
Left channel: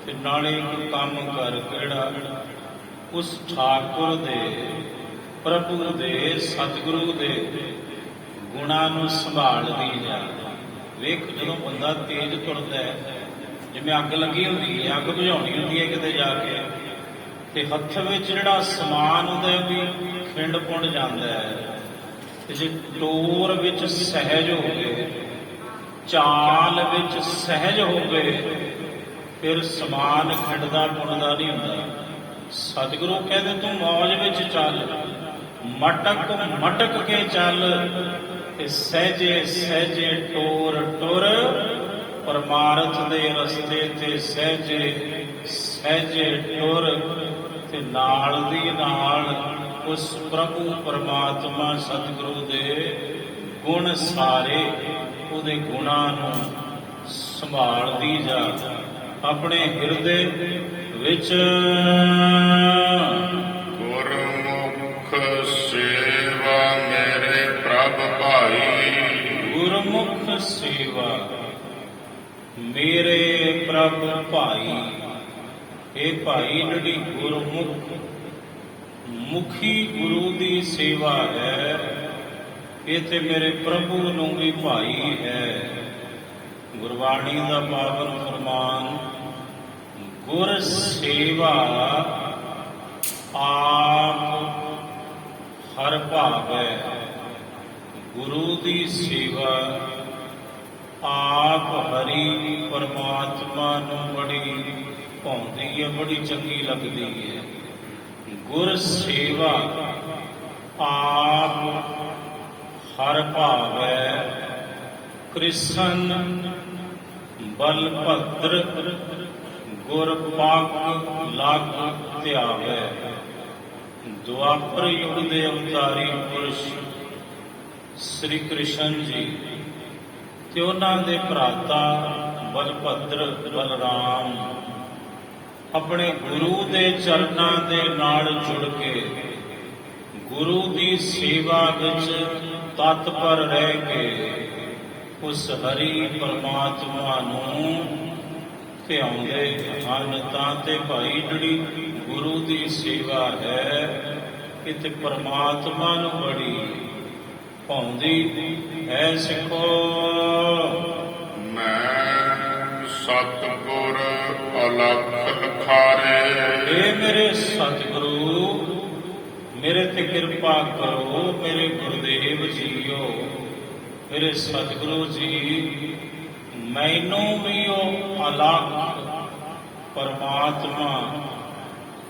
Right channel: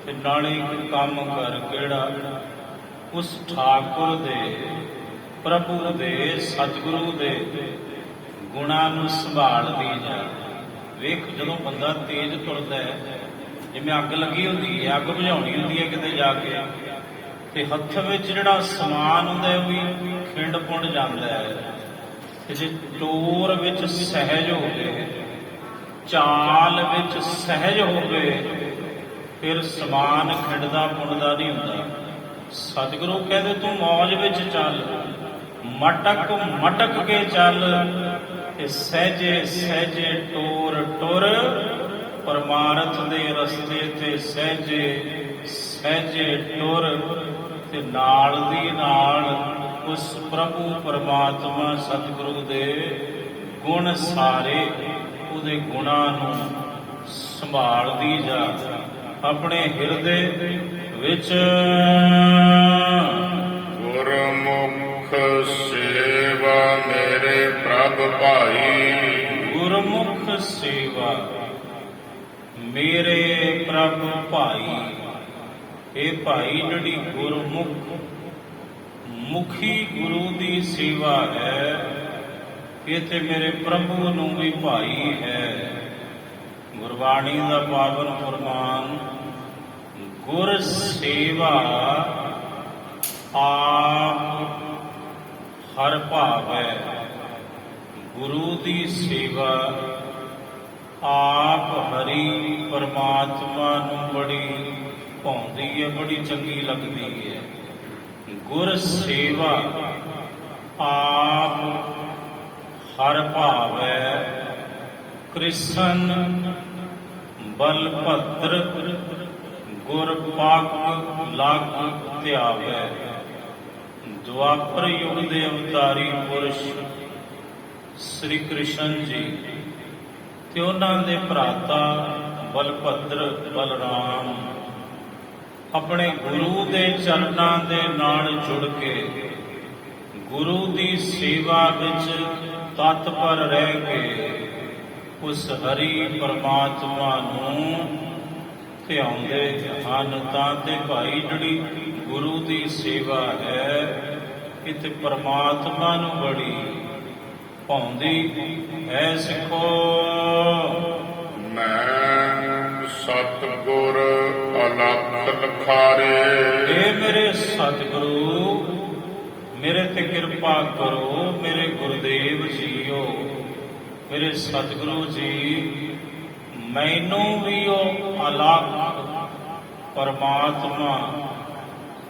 ਤੇ ਨਾਲੇ ਇੱਕ ਕੰਮ ਕਰ ਕਿਹੜਾ, ਉਸ ਠਾਕੁਰ ਦੇ ਪ੍ਰਭੂ ਦੇ ਸਤਿਗੁਰੂ ਦੇ ਗੁਣਾਂ ਨੂੰ ਸੰਭਾਲਦੀ ਜਾ। ਵੇਖ ਜਦੋਂ ਬੰਦਾ ਤੇਜ਼ ਤੁਰਦਾ ਹੈ, ਜਿਵੇਂ ਅੱਗ ਲੱਗੀ ਹੁੰਦੀ ਹੈ, ਅੱਗ ਬੁਝਾਉਣੀ ਹੁੰਦੀ ਹੈ ਕਿਤੇ ਜਾ ਕੇ, ਤੇ ਹੱਥ ਵਿੱਚ ਜਿਹੜਾ ਸਮਾਨ ਹੁੰਦਾ ਵੀ ਖਿੰਡ ਪੁੰਡ ਜਾਂਦਾ ਹੈ। ਤੇ ਜੇ ਟੋਰ ਵਿੱਚ ਸਹਿਜ ਹੋਵੇ, ਚਾਲ ਵਿੱਚ ਸਹਿਜ ਹੋਵੇ, ਫਿਰ ਸਮਾਨ ਖਿੰਡਦਾ ਪੁੰਡਦਾ ਨਹੀਂ ਹੁੰਦਾ। ਸਤਿਗੁਰੂ ਕਹਿੰਦੇ ਤੂੰ ਮੌਜ ਵਿੱਚ ਚੱਲ, ਮਟਕ ਮਟਕ ਕੇ ਚੱਲ ਤੇ ਸਹਿਜੇ ਸਹਿਜੇ ਟੋਰ ਟੁਰ, ਪਰਮਾਰਥ ਦੇ ਰਸਤੇ ਤੇ ਸਹਿਜੇ ਸਹਿਜੇ ਟੁਰ ਤੇ ਨਾਲ ਦੀ ਨਾਲ ਉਸ ਪ੍ਰਭੂ ਪਰਮਾਤਮਾ ਸਤਿਗੁਰੂ ਦੇ ਗੁਣ ਸਾਰੇ, ਉਹਦੇ ਗੁਣਾਂ ਨੂੰ ਸੰਭਾਲਦੀ ਜਾ ਆਪਣੇ ਹਿਰਦੇ ਵਿੱਚ। ਗੁਰਮੁਖ ਸੇਵਾ ਮੇਰੇ ਪ੍ਰਭ ਭਾਈ। ਗੁਰਮੁਖ ਸੇਵਾ ਮੇਰੇ ਪ੍ਰਭ ਭਾਈ। ਇਹ ਭਾਈ ਜਿਹੜੀ ਗੁਰਮੁਖ ਮੁਖੀ ਗੁਰੂ ਦੀ ਸੇਵਾ ਹੈ, ਇਹ ਤੇ ਮੇਰੇ ਪ੍ਰਭੂ ਨੂੰ ਵੀ ਭਾਈ ਹੈ। ਗੁਰਬਾਣੀ ਦਾ ਪਾਵਨ ਫਰਮਾਨ, ਗੁਰ ਸੇਵਾ ਆਪ ਹਰ ਭਾਵੈ। ਗੁਰੂ ਦੀ ਸੇਵਾ ਆਪ ਹਰੀ ਪਰਮਾਤਮਾ ਨੂੰ ਬੜੀ ਭਾਉਂਦੀ ਹੈ, ਬੜੀ ਚੰਗੀ ਲੱਗਦੀ ਹੈ। ਗੁਰ ਸੇਵਾ ਆਪ ਹਰ ਭਾਵੈ, ਕ੍ਰਿਸ਼ਨ ਬਲਭਦਰ ਗੁਰ ਪਗ ਲਗ ਧਿਆਵੈ। ਦੁਆਪਰ ਯੁਗ ਦੇ ਅਵਤਾਰੀ ਪੁਰਸ਼ ਸ੍ਰੀ ਕ੍ਰਿਸ਼ਨ ਜੀ ਤੇ ਉਹਨਾਂ ਦੇ ਭਰਾਤਾ ਬਲਭਦਰ ਬਲਰਾਮ ਆਪਣੇ ਗੁਰੂ ਦੇ ਚਰਨਾਂ ਦੇ ਨਾਲ ਜੁੜ ਕੇ ਗੁਰੂ ਦੀ ਸੇਵਾ ਵਿੱਚ ਤਤਪਰ ਰਹਿ ਕੇ ਉਸ ਹਰੀ ਪਰਮਾਤਮਾ ਨੂੰ ਧਿਆਉਂਦੇ ਹਨ। ਤਾਂ ਤੇ ਭਾਈ ਜਿਹੜੀ ਗੁਰੂ ਦੀ ਸੇਵਾ ਹੈ, ਇਹ ਤੇ ਪਰਮਾਤਮਾ ਨੂੰ ਬੜੀ ਭਾਉਂਦੀ ਹੈ। ਸਿੱਖੋ ਮੈਂ ਸਤਿਗੁਰ ਅਲਖ ਲਖਾਰੇ। ਇਹ ਮੇਰੇ ਸਤਿਗੁਰੂ ਮੇਰੇ ਤੇ ਕਿਰਪਾ ਕਰੋ, ਮੇਰੇ ਗੁਰਦੇਵ ਜੀਓ, ਮੇਰੇ ਸਤਿਗੁਰੂ ਜੀ ਮੈਨੂੰ ਵੀ ਉਹ ਅਲਖ ਪਰਮਾਤਮਾ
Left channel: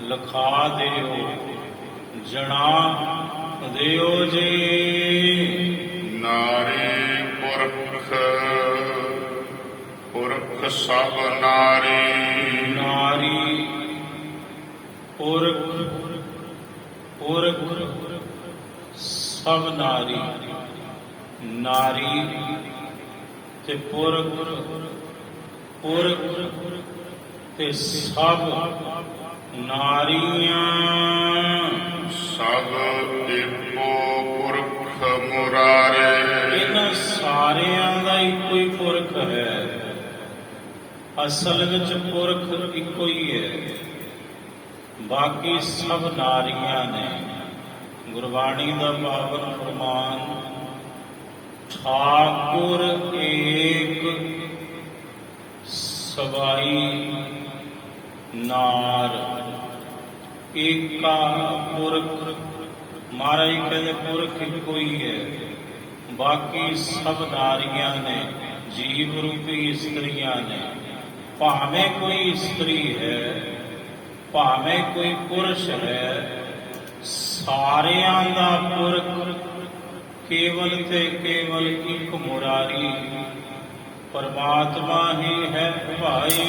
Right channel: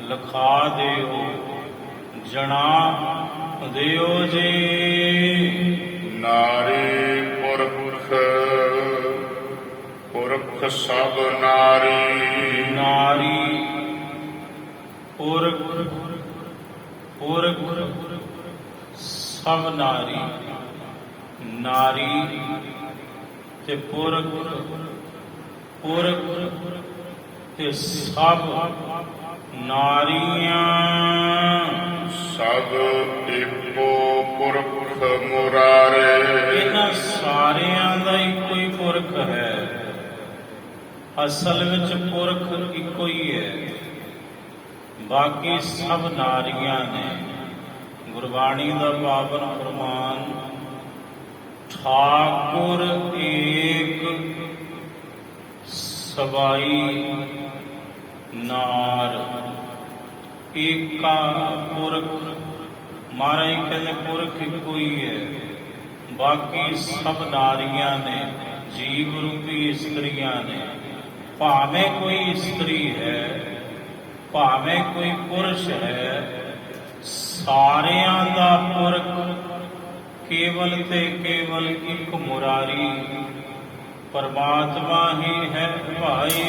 ਲਖਾ ਦਿਓ, ਜਣਾ ਦਿਓ ਜੀ। ਨਾਰੀ ਪੁਰਖ ਪੁਰਖ ਸਭ ਨਾਰੀ। ਨਾਰੀ ਪੁਰਖ ਪੁਰਖ ਸਭ ਨਾਰੀ। ਨਾਰੀ ਤੇ ਪੁਰਖ ਪੁਰਖ ਤੇ ਸਭ ਨਾਰੀਆਂ। ਸਭ ਇੱਕੋ ਪੁਰਖ ਮੁਰਾਰੇ। ਇਹਨਾਂ ਸਾਰਿਆਂ ਦਾ ਇੱਕੋ ਹੀ ਪੁਰਖ ਹੈ। ਅਸਲ ਵਿੱਚ ਪੁਰਖ ਇੱਕੋ ਹੀ ਹੈ, ਬਾਕੀ ਸਭ ਨਾਰੀਆਂ ਨੇ। ਗੁਰਬਾਣੀ ਦਾ ਪਾਵਨ ਫਰਮਾਨ, ਠਾਕੁਰ ਏਕ ਸਵਾਈ ਨਾਰ। ਏਕਾ ਪੁਰਖ ਮਹਾਰਾਜ ਕਹਿੰਦੇ ਪੁਰਖ ਇੱਕੋ ਹੀ ਹੈ, ਬਾਕੀ ਸਭ ਨਾਰੀਆਂ ਨੇ, ਜੀਵ ਰੂਪੀ ਇਸਤਰੀਆਂ ਨੇ। ਭਾਵੇਂ ਕੋਈ ਇਸਤਰੀ ਹੈ, ਭਾਵੇਂ ਕੋਈ ਪੁਰਸ਼ ਹੈ, ਸਾਰਿਆਂ ਦਾ ਪੁਰਖ ਕੇਵਲ ਤੇ ਕੇਵਲ ਇੱਕ ਮੁਰਾਰੀ ਪਰਮਾਤਮਾ ਹੀ ਹੈ ਭਾਈ।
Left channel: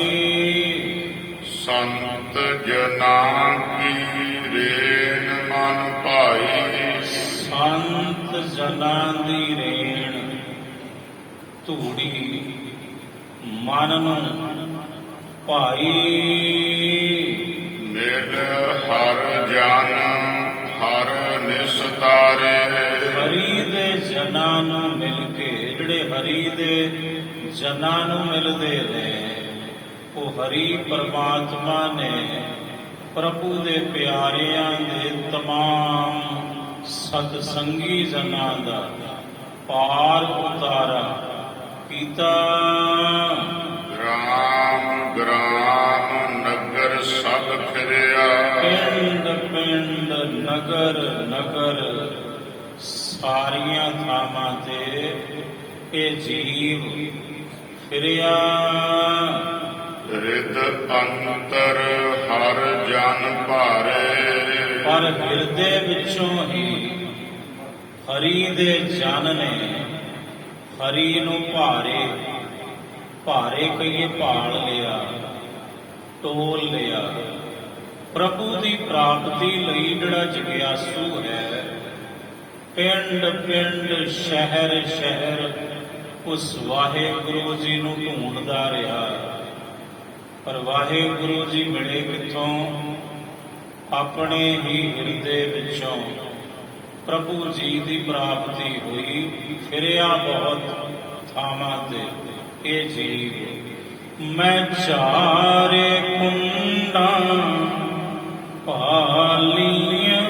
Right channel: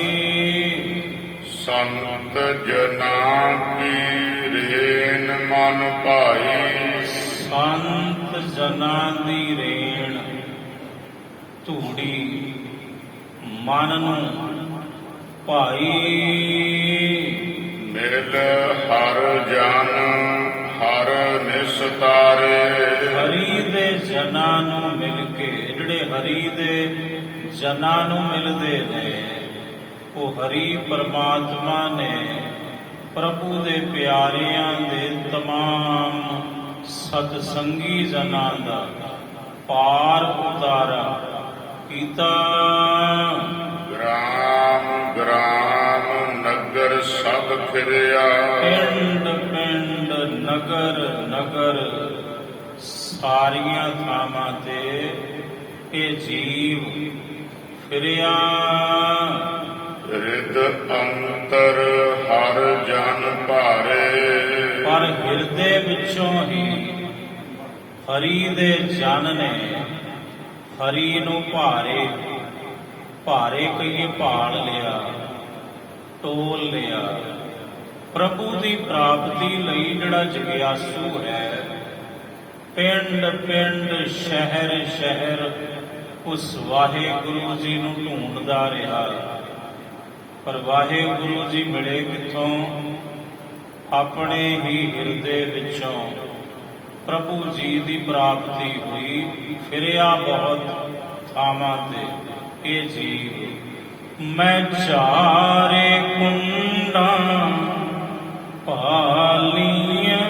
ਸੰਤ ਜਨਾਂ ਕੀ ਰੇਨ ਮਨ ਭਾਈ, ਸੰਤ ਜਨਾਂ ਦੀ ਰੇਣ ਧੂੜੀ ਮਨ ਨੂੰ ਭਾਈ। ਮਿਲ ਹਰ ਜਨ ਹਰ ਨਿਸਤਾਰੇ, ਹਰੀ ਦੇ ਜਨਾਂ ਨੂੰ ਮਿਲ ਕੇ, ਜਿਹੜੇ ਹਰੀ ਦੇ ਜਨਾਂ ਨੂੰ ਮਿਲਦੇ ਨੇ, ਉਹ ਹਰੀ ਪਰਮਾਤਮਾ ਨੇ ਪ੍ਰਭੂ ਦੇ ਪਿਆਰਿਆਂ ਦੇ ਤਮਾਮ ਸਤਸੰਗੀ ਜਨਾਂ ਦਾ ਪਾਰ ਉਤਾਰਾ ਕੀਤਾ। ਗ੍ਰਾਮ ਗ੍ਰਾਮ ਨਗਰ ਸਭ ਫਿਰਿਆ, ਪਿੰਡ ਪਿੰਡ ਨਗਰ ਨਗਰ ਸਾਰੀਆਂ ਥਾਵਾਂ ਤੇ ਇਹ ਜੀਵ ਫਿਰਿਆ। ਰਿਦ ਅੰਤਰ ਹਰ ਜਨ ਭਾਰੇ, ਪਰ ਹਿਰਦੇ ਵਿੱਚੋਂ ਹੀ ਹਰੀ ਦੇ ਜਨ ਨੇ ਹਰੀ ਨੂੰ ਭਾਰੇ ਭਾਰੇ ਕਹੀਏ ਭਾਲ ਲਿਆ, ਟੋਲ ਲਿਆ। ਪ੍ਰਭੂ ਦੀ ਪ੍ਰਾਪਤੀ ਲਈ ਜਿਹੜਾ ਜਗਿਆਸੂ ਹੈ, ਪਿੰਡ ਪਿੰਡ ਸ਼ਹਿਰ ਸ਼ਹਿਰ ਉਸ ਵਾਹਿਗੁਰੂ ਜੀ ਨੂੰ ਢੂੰਡਦਾ ਰਿਹਾ। ਪਰ ਵਾਹਿਗੁਰੂ ਜੀ ਮਿਲੇ ਕਿੱਥੋਂ? ਆਪਣੇ ਹੀ ਹਿਰਦੇ ਵਿੱਚੋਂ ਪ੍ਰਭੂ ਜੀ ਦੀ ਪ੍ਰਾਪਤੀ ਹੋਈ। ਫਿਰਿਆ ਬਹੁਤ ਥਾਵਾਂ ਤੇ ਇਹ ਜੀਵ। ਮੈਂ ਚਾਰੇ ਕੁੰਡਾਂ ਭਾਲੀਆਂ,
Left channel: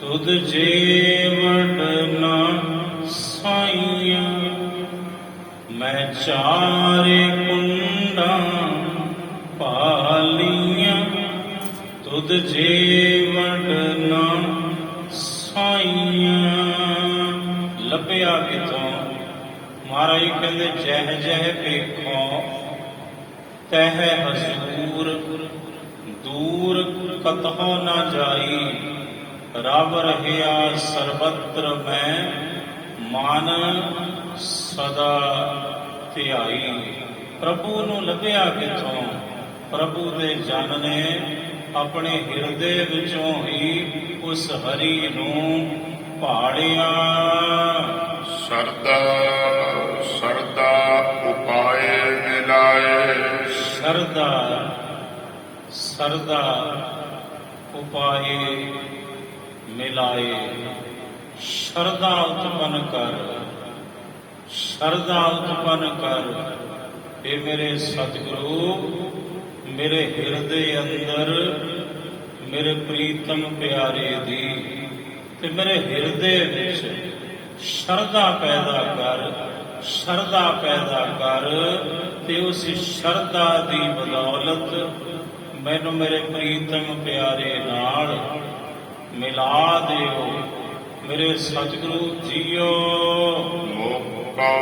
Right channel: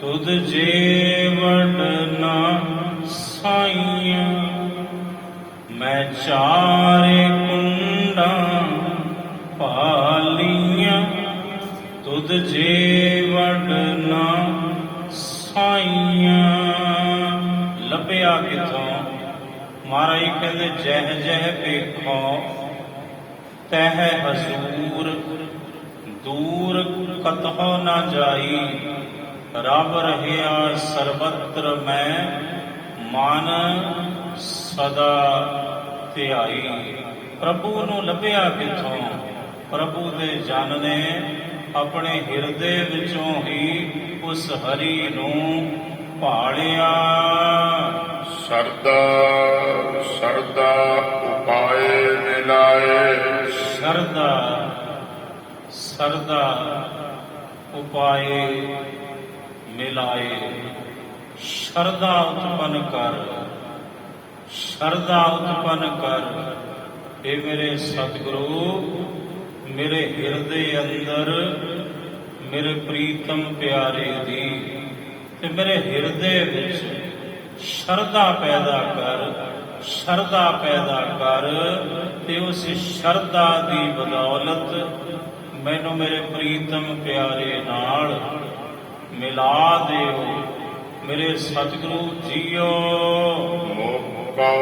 ਤੁਧ ਜੀਵਨ ਨਾ ਸਾਈਆਂ। ਮੈਂ ਚਾਰੇ ਕੁੰਡਾਂ ਭਾਲੀਆਂ, ਤੁਧ ਜੀਵਨ ਨਾ ਸਾਈਆਂ। ਲੱਭਿਆ ਕਿਥੋਂ? ਮਹਾਰਾਜ ਕਹਿੰਦੇ ਜਹ ਜਹ ਵੇਖੋ ਤਹ ਹਜ਼ੂਰ, ਦੂਰ ਕਤਹੁ ਨਾ ਜਾਈ। ਰਬ ਰਹਿਆ ਸਰਬਤਰ ਮੈਂ, ਮਨ ਸਦਾ ਧਿਆਈ। ਪ੍ਰਭੂ ਨੂੰ ਲੱਭਿਆ ਕਿਥੋਂ? ਪ੍ਰਭੂ ਦੇ ਜਨ ਨੇ ਆਪਣੇ ਹਿਰਦੇ ਵਿੱਚੋਂ ਹੀ ਉਸ ਹਰੀ ਨੂੰ ਭਾਲਿਆ। ਸਰਦਾ ਸਰਦਾ ਉਪਾਏ ਮਿਲਾਏ, ਸਰਦਾ ਸਰਦਾ ਉਪਾਏ ਮਿਲਾਏ। ਸ਼ਰਧਾ ਉਤਪੰਨ ਕਰ, ਸ਼ਰਧਾ ਉਤਪੰਨ ਕਰ। ਇਹ ਮੇਰੇ ਸਤਿਗੁਰੂ, ਮੇਰੇ ਹਿਰਦੇ ਅੰਦਰ ਮੇਰੇ ਪ੍ਰੀਤਮ ਪਿਆਰੇ ਦੀ ਤੇ ਮੇਰੇ ਹਿਰਦੇ ਵਿੱਚ ਸ਼ਰਧਾ ਪੈਦਾ ਕਰ, ਸ਼ਰਧਾ ਪੈਦਾ ਕਰ। ਤੇ ਉਸ ਸ਼ਰਧਾ ਦੀ ਬਦੌਲਤ ਮੈਨੂੰ ਮੇਰੇ ਪ੍ਰੀਤਮ ਪਿਆਰੇ ਨਾਲ ਮਿਲਾ ਦਿਓ। ਮੇਰੇ ਸਤਿਗੁਰੂ ਜੀਓ। ਮੋਕੋ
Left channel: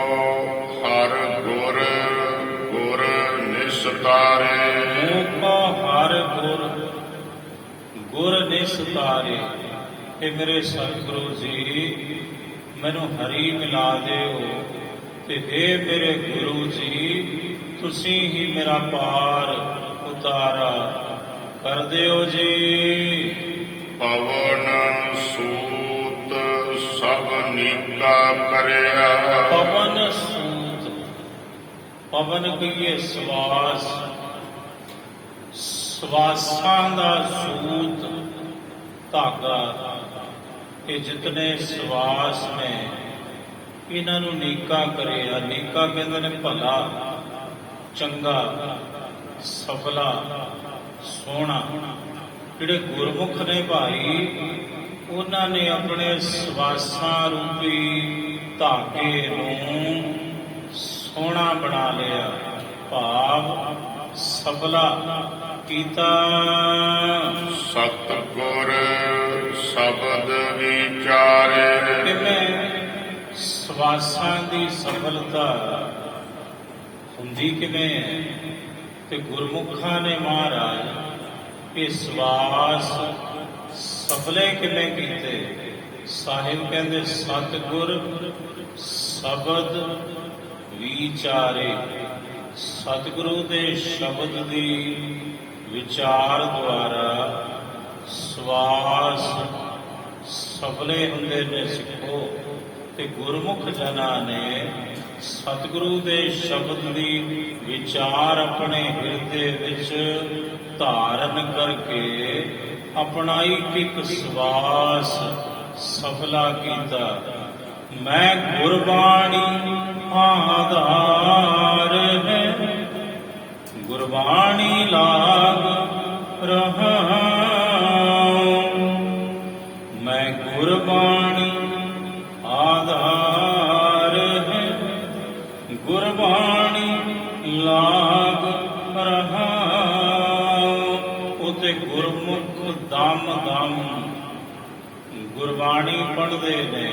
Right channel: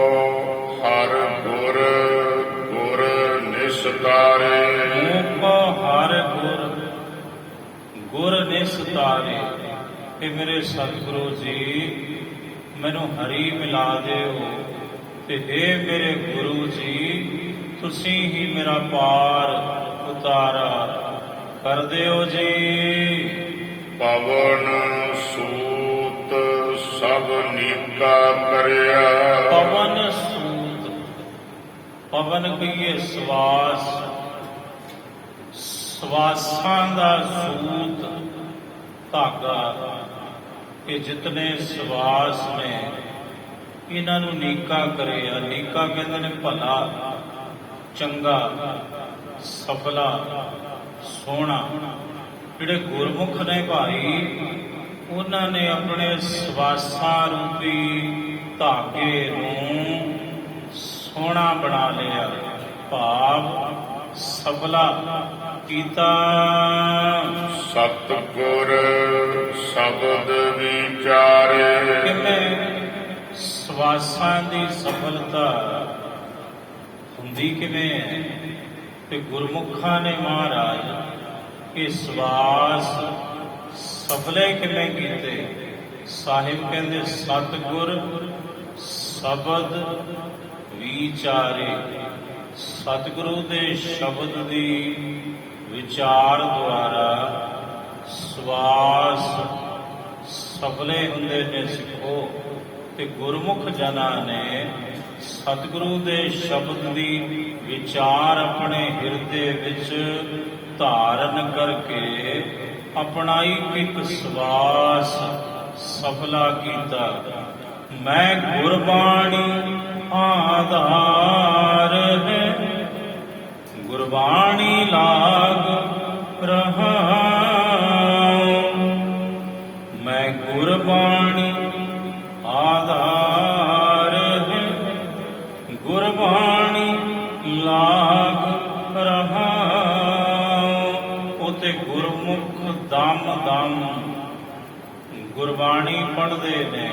ਹਰ ਗੁਰ ਗੁਰ ਨਿਸਤਾਰੇ, ਮੋਕੋ ਹਰ ਗੁਰ ਗੁਰ ਨਿਸਤਾਰੇ। ਕਿ ਮੇਰੇ ਸਤਿਗੁਰੂ ਜੀ ਮੈਨੂੰ ਹਰੀ ਮਿਲਾ ਦਿਓ। ਤੇ ਹੇ ਮੇਰੇ ਗੁਰੂ ਜੀ, ਤੁਸੀਂ ਹੀ ਮੇਰਾ ਪਾਰ ਉਤਾਰਾ ਕਰ ਦਿਓ ਜੀ। ਪਵਨ ਸੂਤ ਸਭ ਨੀਕਾ ਕਰਿਆ, ਪਵਨ ਸੂਤ, ਪਵਨ ਕਹੀਏ ਸਵਾਸ, ਸਵਾਸਾਂ ਦਾ ਸੂਤ ਧਾਗਾ। ਇਹ ਜਿਤਨੇ ਸਵਾਸ ਨੇ ਇਹਨਾਂ ਨੂੰ ਨੀਕਾ ਕਰਿਆ। ਨੀਕਾ ਕਹਿੰਦੇ ਨੇ ਭਲਾ, ਚੰਗਾ, ਸਫਲਾ, ਸੋਹਣਾ। ਜਿਹੜੇ ਗੁਰਮੁਖ ਨੇ ਭਾਈ, ਉਹਨਾਂ ਨੇ ਆਪਣੇ ਸਵਾਸਾਂ ਰੂਪੀ ਧਾਗੇ ਨੂੰ ਸੋਹਣਾ ਬਣਾ ਲਿਆ। ਭਾਵ ਸਫਲਾ ਕੀਤਾ। ਸਤਿਗੁਰ ਸ਼ਬਦ ਵਿਚਾਰੇ। ਕਿਵੇਂ ਸਵਾਸਾਂ ਦੀ ਸਫਲਤਾ ਹੁੰਦੀ ਕਿਵੇਂ ਹੈ ਕਿ ਗੁਰਮੁਖਾਂ ਨੇ ਮਹਾਰਾਜ ਇਹ ਸਵਾਸ ਸਫਲੇ ਕਿਵੇਂ ਕੀਤੇ। ਸਾਹਿਬ ਕਹਿੰਦੇ ਸਤਿਗੁਰ ਸ਼ਬਦ ਵਿਚਾਰੇ। ਸਤਿਗੁਰੂ ਦੇ ਸ਼ਬਦ ਦੀ ਵਿਚਾਰ ਦੁਆਰਾ ਸਵਾਸ ਸਫਲੇ ਹੁੰਦੇ ਨੇ ਸਿੱਖੋ। ਤੇ ਗੁਰਮੁਖ ਜਨਾਂ ਨੇ ਸਤਿਗੁਰੂ ਦੇ ਸ਼ਬਦ ਦੀ ਵਿਚਾਰ ਆਪਣੇ ਹਿਰਦੇ ਵਿੱਚ ਧਾਰਨ ਕਰਕੇ ਆਪਣਾ ਇੱਕ ਸਵਾਸ ਸਫਲਾ ਕੀਤਾ। ਮੈਂ ਗੁਰਬਾਣੀ ਆਧਾਰ ਹੈ, ਗੁਰਬਾਣੀ ਲਾਗ ਰਹਾ। ਮੈਂ ਗੁਰਬਾਣੀ ਆਧਾਰ ਹੈ, ਗੁਰਬਾਣੀ ਲਾਗ ਰਹਾ। ਉਤੇ ਗੁਰਮੁਖ ਦਮ ਦਮ ਗੁਰਬਾਣੀ ਪੜ੍ਹਦੇ ਨੇ,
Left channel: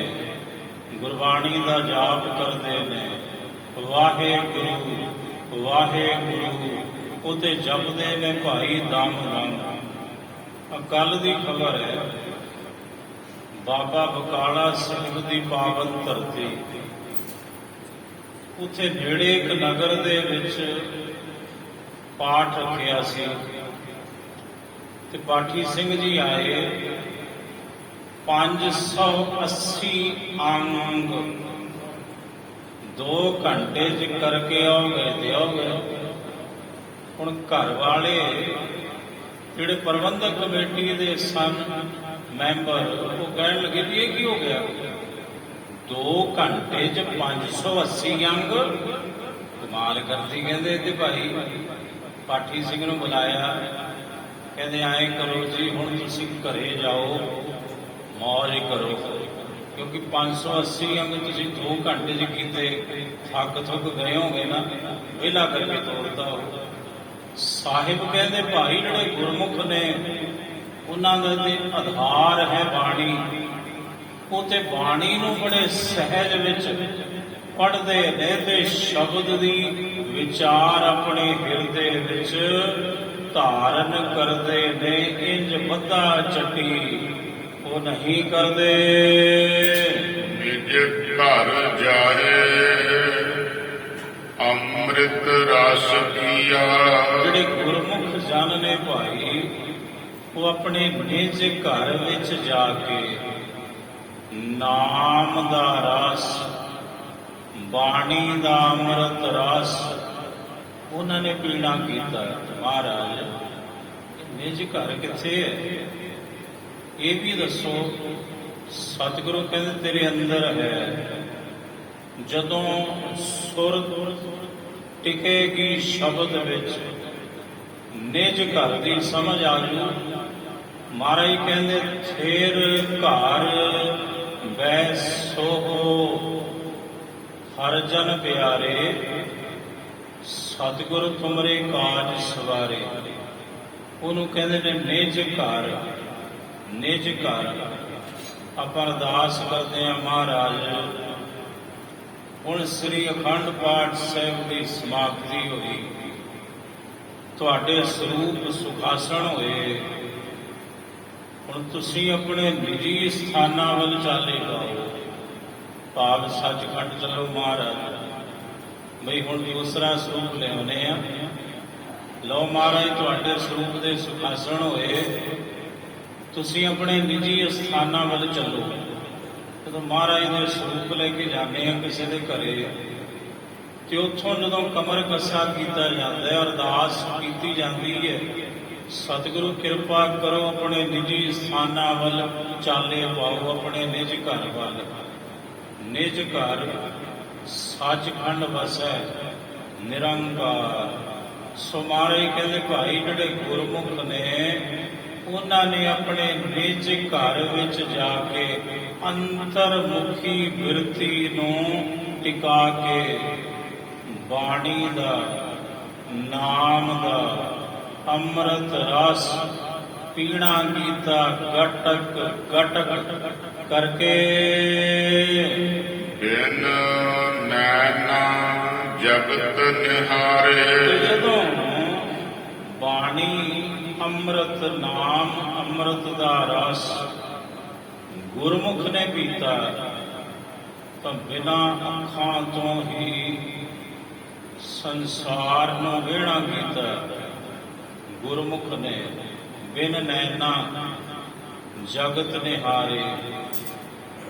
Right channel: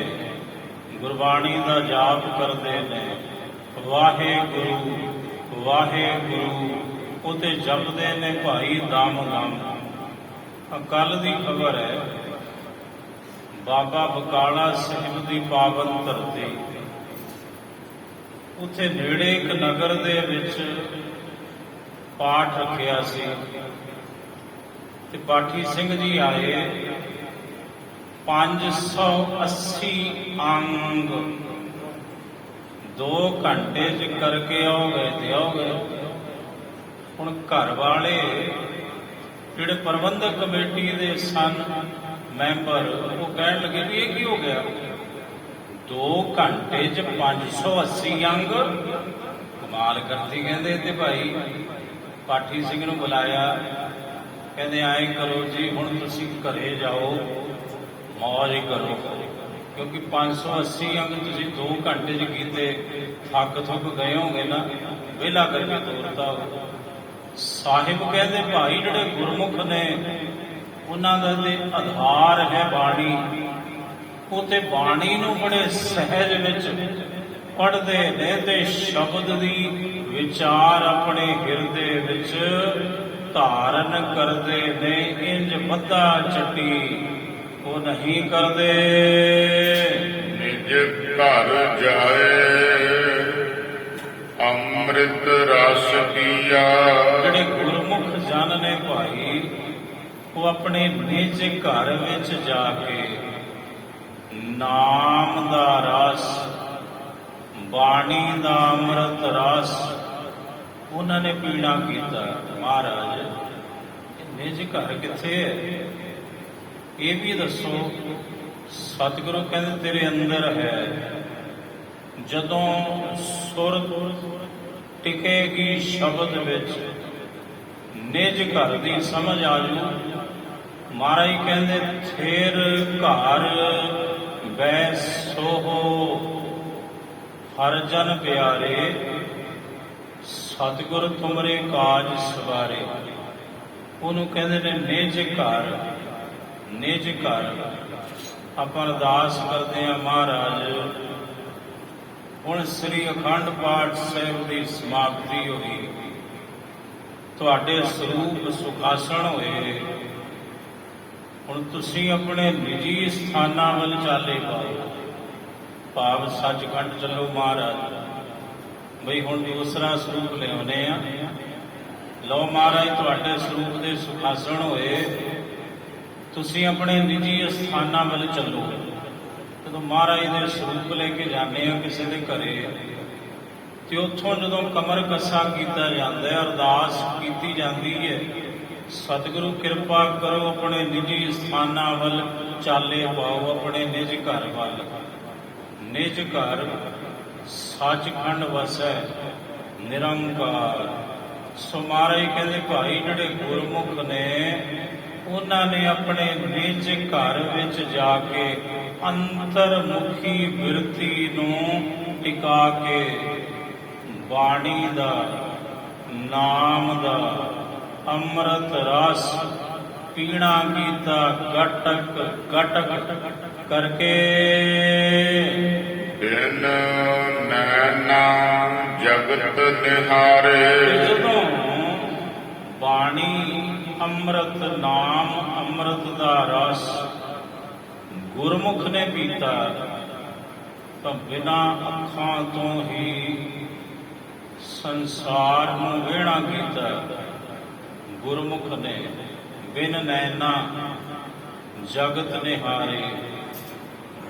ਗੁਰਬਾਣੀ ਦਾ ਜਾਪ ਕਰਦੇ ਨੇ। ਵਾਹਿਗੁਰੂ ਵਾਹਿਗੁਰੂ ਉਤੇ ਜਪਦੇ ਨੇ ਭਾਈ ਦਮ ਦਮ। ਕੱਲ ਦੀ ਖਬਰ ਹੈ, ਬਾਬਾ ਬਕਾਲਾ ਸਾਹਿਬ ਦੀ ਪਾਵਨ ਧਰਤੀ, ਉੱਥੇ ਨੇੜੇ ਇੱਕ ਨਗਰ ਦੇ ਵਿੱਚ ਪਾਠ ਰੱਖਿਆ ਸੀ ਤੇ ਪਾਠੀ ਸਿੰਘ ਜੀ ਆਏ। 580 ਅੰਗ 2 ਘੰਟੇ ਚ ਕਰਕੇ ਆਓਗੇ ਤੇ ਆਓਗੇ। ਹੁਣ ਘਰ ਵਾਲੇ ਜਿਹੜੇ ਪ੍ਰਬੰਧਕ ਕਮੇਟੀ ਦੇ ਸਨ ਮੈਂਬਰ, ਉਹ ਕਹਿਣ ਲੱਗੇ ਵੀ ਇਹ ਕੀ ਹੋ ਗਿਆ, 2 ਘੰਟੇ ਚ 580 ਅੰਗ, ਕਮਾਲ ਕਰਦੀ। ਕਹਿੰਦੇ ਤੇ ਭਾਈ ਪਾਠੀ ਸਿੰਘ ਨੂੰ ਬੁਲਾਇਆ, ਕਹਿੰਦੇ ਆਏ ਕਰੋ ਜੀ, ਹੁਣ ਤੁਸੀਂ ਘਰੇ ਜਾਓ, ਮੌਜ ਕਰੋ, ਕਿਉਂਕਿ 580 ਅੰਗ ਤੁਸੀਂ 2 ਘੰਟੇ ਚ ਕੀਤੇ, ਥੱਕ ਗਏ ਹੋਗੇ ਨਾ, ਵਿਹਲਾ ਕਰਕੇ ਤੋਰਦਾ ਹੋ। ਸਾਹਿਬ ਕਹਿੰਦੇ ਭਾਈ ਜਿਹੜੇ ਗੁਰਮੁਖ ਨੇ ਉਹਨਾਂ ਦਾ ਤੇ ਆਧਾਰ ਹੈ ਬਾਣੀ। ਉਹ ਤੇ ਬਾਣੀ ਨੂੰ ਬੜੇ ਸਹਿਜ ਵਿੱਚ ਪੜ੍ਹਦੇ ਨੇ ਤੇ ਸ਼ਬਦ ਦੀ ਵਿਚਾਰ ਆਪਣੇ ਹਿਰਦੇ ਵਿੱਚ ਧਾਰਨ ਕਰਦੇ ਨੇ। ਇੰਜ ਬੱਧਾ ਚੱਟੀ ਉਹ ਨਹੀਂ ਕਰਦੇ। ਨਿਜ ਘਰ ਜਾਏ ਅੰਮ੍ਰਿਤ ਰਸ ਪੀਆ। ਜਿਹੜੇ ਗੁਰਮੁਖ ਜਨ ਨੇ ਭਾਈ, ਉਹ ਆਪਣੇ ਨਿਜ ਘਰ ਵਿੱਚ ਜਾ ਕੇ ਨਾਮ ਦਾ ਰਸ, ਬਾਣੀ ਦਾ ਅੰਮ੍ਰਿਤ ਰਸ ਉਹਨਾਂ ਨੇ ਪੀਣਾ ਕੀਤਾ। ਮਹਾਰਾਜ ਨਿਜ ਘਰ ਕਿੱਥੇ ਹੈ ਇਹ ਵੀ ਦੱਸੋ। ਸਤਿਗੁਰੂ ਕਹਿੰਦੇ ਤੇਰੇ ਅੰਦਰ ਹੈ। ਜਦੋਂ ਸੁਰ ਟਿਕੇਗੀ ਸ਼ਬਦ ਵਿੱਚ, ਨਿਜ ਘਰ ਦੀ ਸਮਝ ਆ ਜੂ। ਮਹਾਰਾਜ ਕਹਿੰਦੇ ਥੇਰ ਘਰ ਬੈ ਸੋਹੋ ਹਰ ਜਨ ਪਿਆਰੇ, ਸਤਿਗੁਰ ਤੁਮਰੇ ਕਾਜ ਸਵਾਰੇ। ਉਹਨੂੰ ਕਹਿੰਦੇ ਨੇ ਨਿਜ ਘਰ। ਨਿਜ ਘਰ ਆਪਾਂ ਅਰਦਾਸ ਕਰਦੇ ਹਾਂ ਮਹਾਰਾਜ। ਹੁਣ ਸ੍ਰੀ ਅਖੰਡ ਪਾਠ ਸਾਹਿਬ ਦੀ ਸਮਾਪਤੀ ਹੋਈ, ਤੁਹਾਡੇ ਸਰੂਪ ਸੁਖਾਸਣ ਹੋਏ। ਹੁਣ ਤੁਸੀਂ ਆਪਣੇ ਨਿੱਜੀ ਸਥਾਨਾਂ ਵੱਲ ਚਾਲੇ ਪਾਓ, ਭਾਵ ਸੱਚਖੰਡ ਚੱਲੋ ਮਹਾਰਾਜ। ਬਈ ਹੁਣ ਦੂਸਰਾ ਸਰੂਪ ਲਿਆਉਣੇ ਆ। ਲਓ ਮਹਾਰਾਜ ਤੁਹਾਡੇ ਸਰੂਪ ਦੇ ਸੁਖਾਸਣ ਹੋਏ, ਤੁਸੀਂ ਆਪਣੇ ਨਿੱਜੀ ਸਥਾਨਾਂ ਵੱਲ ਚੱਲੋ। ਜਦੋਂ ਮਹਾਰਾਜ ਦੇ ਸਰੂਪ ਲੈ ਕੇ ਜਾਂਦੇ ਆ ਕਿਸੇ ਦੇ ਘਰੇ, ਤੇ ਉੱਥੋਂ ਜਦੋਂ ਕਮਰ ਕੱਸਾ ਕੀਤਾ ਜਾਂਦਾ ਹੈ, ਅਰਦਾਸ ਕੀਤੀ ਜਾਂਦੀ ਹੈ, ਸਤਿਗੁਰੂ ਕਿਰਪਾ ਕਰੋ ਆਪਣੇ ਨਿੱਜੀ ਸਥਾਨਾਂ ਵੱਲ ਚਾਲੇ ਪਾਓ, ਆਪਣੇ ਨਿਜ ਘਰ ਵੱਲ। ਨਿਜ ਘਰ ਸੱਚਖੰਡ ਵਸੈ ਨਿਰੰਕਾਰ। ਸੋ ਮਹਾਰਾਜ ਕਹਿੰਦੇ ਭਾਈ ਜਿਹੜੇ ਗੁਰਮੁਖ ਨੇ ਉਹਨਾਂ ਨੇ ਆਪਣੇ ਨਿਜ ਘਰ ਵਿੱਚ ਜਾ ਕੇ ਅੰਤਰਮੁਖੀ ਬਿਰਤੀ ਨੂੰ ਟਿਕਾ ਕੇ ਬਾਣੀ ਦਾ, ਨਾਮ ਦਾ, ਅੰਮ੍ਰਿਤ ਰਸ ਪੀਣਾ ਕੀਤਾ ਗਟਕ ਗਟਕ ਕਰਕੇ। ਜਿਨ ਨੈਣਾ ਜਗਤ ਨਿਹਾਰੇ। ਜਦੋਂ ਬਾਣੀ ਅੰਮ੍ਰਿਤ ਨਾਮ ਅੰਮ੍ਰਿਤ ਦਾ ਰਸ ਗੁਰਮੁਖ ਨੇ ਪੀਤਾ ਤਾਂ ਬਿਨਾਂ ਅੱਖਾਂ ਤੋਂ ਹੀ ਸੰਸਾਰ ਨੂੰ ਵਿਹਣਾ ਕੀਤਾ। ਗੁਰਮੁਖ ਨੇ ਬਿਨ ਨੈਣਾ ਜਗਤ ਨਿਹਾਰੇ,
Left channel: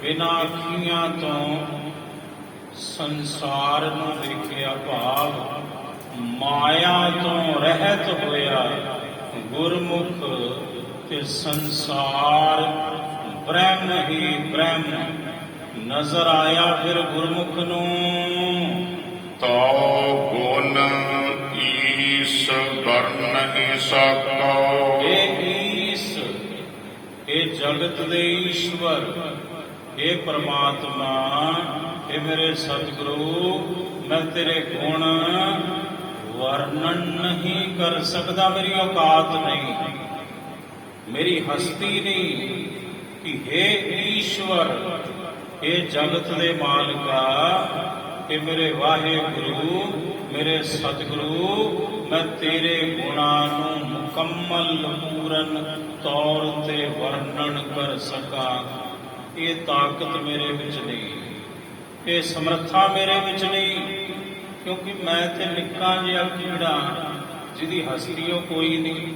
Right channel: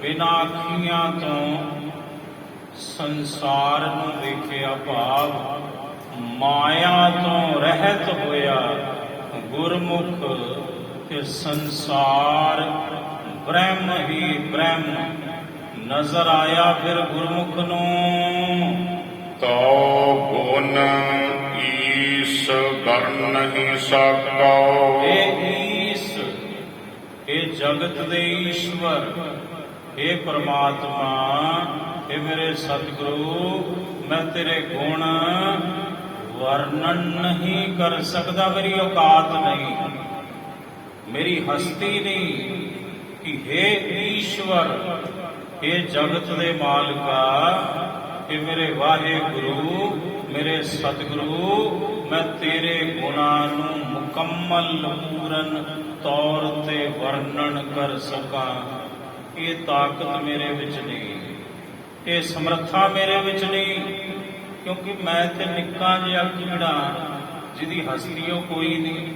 ਬਿਨਾਂ ਅੱਖੀਆਂ ਤੋਂ ਸੰਸਾਰ ਨੂੰ ਵੇਖਿਆ, ਭਾਵ ਮਾਇਆ ਤੋਂ ਰਹਿਤ ਹੋਇਆ ਗੁਰਮੁਖ ਤੇ ਸੰਸਾਰ ਬ੍ਰਹਮ ਹੀ ਬ੍ਰਹਮ ਨਜ਼ਰ ਆਇਆ। ਫਿਰ ਗੁਰਮੁਖ ਨੂੰ ਤੋ ਗੁਣ ਈਸ ਵਰਨ ਹੀ ਸਕੋ। ਇਹ ਈਸ, ਇਹ ਜਗਤ ਦੇ ਈਸ਼ਵਰ, ਇਹ ਪ੍ਰਮਾਤਮਾ, ਇਹ ਮੇਰੇ ਸਤਿਗੁਰੂ, ਮੈਂ ਤੇਰੇ ਗੁਣ ਵਰਣਨ ਨਹੀਂ ਕਰ ਸਕਦਾ। ਮੇਰੀ ਔਕਾਤ ਨਹੀਂ, ਮੇਰੀ ਹਸਤੀ ਨਹੀਂ ਕਿ हे ਈਸ਼ਵਰ, ਇਹ ਜਗਤ ਦੇ ਮਾਲਕਾ, ਕਿ ਮੇਰੇ ਵਾਹਿਗੁਰੂ, ਮੇਰੇ ਸਤਿਗੁਰੂ, ਮੈਂ ਤੇਰੇ ਗੁਣਾਂ ਨੂੰ ਮੁਕੰਮਲ ਪੂਰਨ ਤੌਰ ਤੇ ਵਰਣਨ ਕਰ ਸਕਾਂ। ਇਹ ਤਾਕਤ ਮੇਰੇ ਵਿੱਚ ਨਹੀਂ, ਇਹ ਸਮਰੱਥਾ ਮੇਰੇ ਵਿੱਚ ਨਹੀਂ, ਕਿਉਂਕਿ ਮੈਂ ਤੇ ਨਿੱਕਾ ਜਿਹਾ ਕੀੜਾ ਜਿਹਦੀ ਹਸਤੀਓ ਕੋਈ ਨਹੀਂ।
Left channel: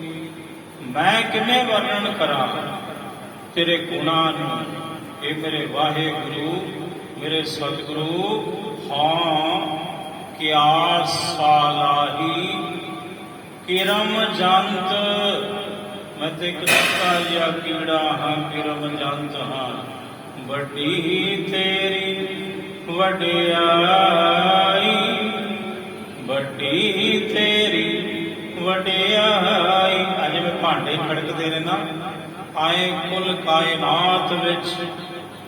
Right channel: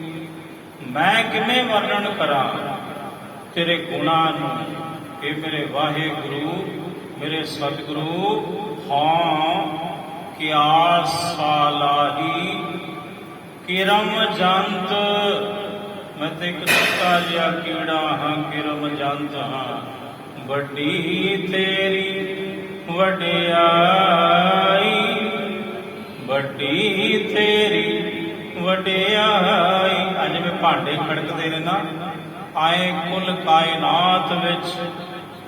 ਮੈਂ ਕਿਵੇਂ ਵਰਣਨ ਕਰਾਂ ਤੇਰੇ ਗੁਣਾਂ ਨੂੰ। ਇਹ ਮੇਰੇ ਵਾਹਿਗੁਰੂ, ਮੇਰੇ ਸਤਿਗੁਰੂ, ਹਾਂ ਕਿਆ ਸਾਲਾਹੀ ਕਿਰਮ ਜੰਤ। ਮੈਂ ਤੇ ਇੱਕ ਨਿੱਕਾ ਜਿਹਾ ਕੀੜਾ ਹਾਂ, ਕਿਰਮ ਜੰਤ ਹਾਂ। ਵੱਡੀ ਤੇਰੀ ਵਡਿਆਈ, ਵੱਡੀ ਤੇਰੀ ਵਡਿਆਈ। ਅੱਜ ਮੈਂ ਭਾਂਡੇ ਖੜਕਦੇ ਨੇ ਨਾ, ਆਏ ਕੁੱਲ ਕਾਇਨਾਤ ਵਿੱਚ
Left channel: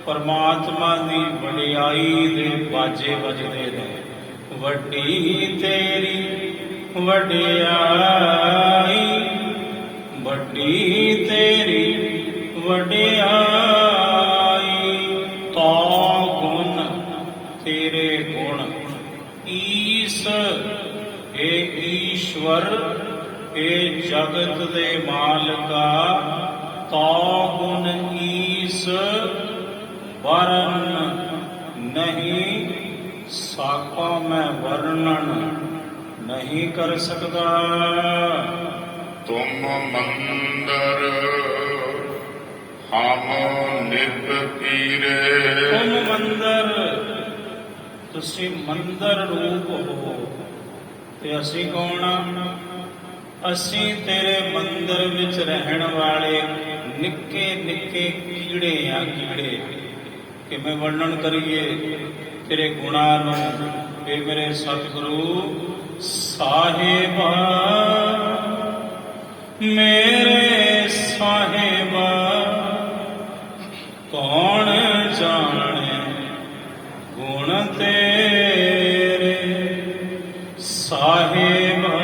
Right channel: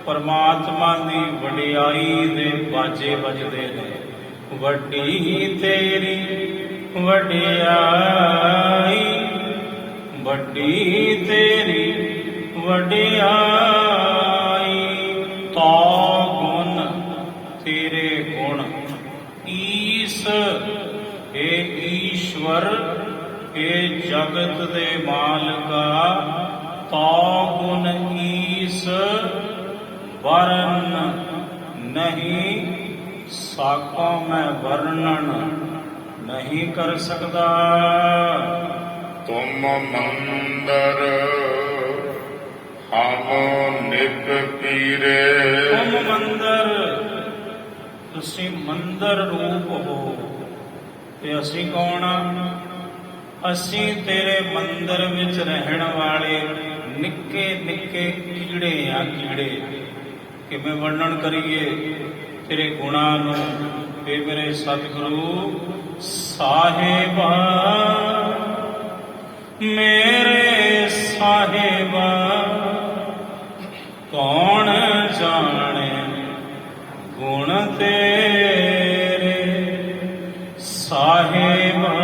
ਪਰਮਾਤਮਾ ਦੀ ਵਡਿਆਈ ਦੇ ਬਾਜੇ ਵੱਜਦੇ ਨੇ। ਵੱਡੀ ਤੇਰੀ ਵਡਿਆਈ, ਵੱਡੀ ਤੇਰੀ ਵਡਿਆਈ। ਤੋ ਗੁਣ ਤੇਰੇ ਗੁਣ ਈਸ, ਇਹ ਈਸ਼ਵਰ, ਇਹ ਜਗਤ ਦੇ ਮਾਲਕਾ। ਤੋ ਗੁਣ ਈਸ ਵਰਨ ਨਹੀਂ ਸਾਕੋ, ਮੈਂ ਵਰਣਨ ਨਹੀਂ ਕਰ ਸਕਦਾ। ਤੁਮ ਮੰਦਰ ਹਮ ਨਿਤ ਪੀਰੇ। ਤੁਮ ਮੰਦਰ, ਤੁਸੀਂ ਮੰਦਰ ਰੂਪ ਹੋ ਤੇ ਅਸੀਂ ਕੌਣ ਆ? ਅਸੀਂ ਤੇਰੇ ਮੰਦਰ ਵਿੱਚ ਰਹਿਣ ਵਾਲੇ ਨਿੱਕੇ ਨਿੱਕੇ ਕੀੜੇ ਆ। ਕੀੜੇ ਕਿਵੇਂ ਵਰਣਨ ਕਰੀਏ ਤੇਰੇ ਗੁਣਾਂ ਨੂੰ। ਇਹ ਮੇਰੇ ਸਤਿਗੁਰੂ ਸਾਹਿਬਾ, ਮੇਰੇ ਸਾਹਿਬਾ, ਕੌਣ ਜਾਣੇ ਗੁਣ ਤੇਰੇ। ਸਾਹਿਬਾ,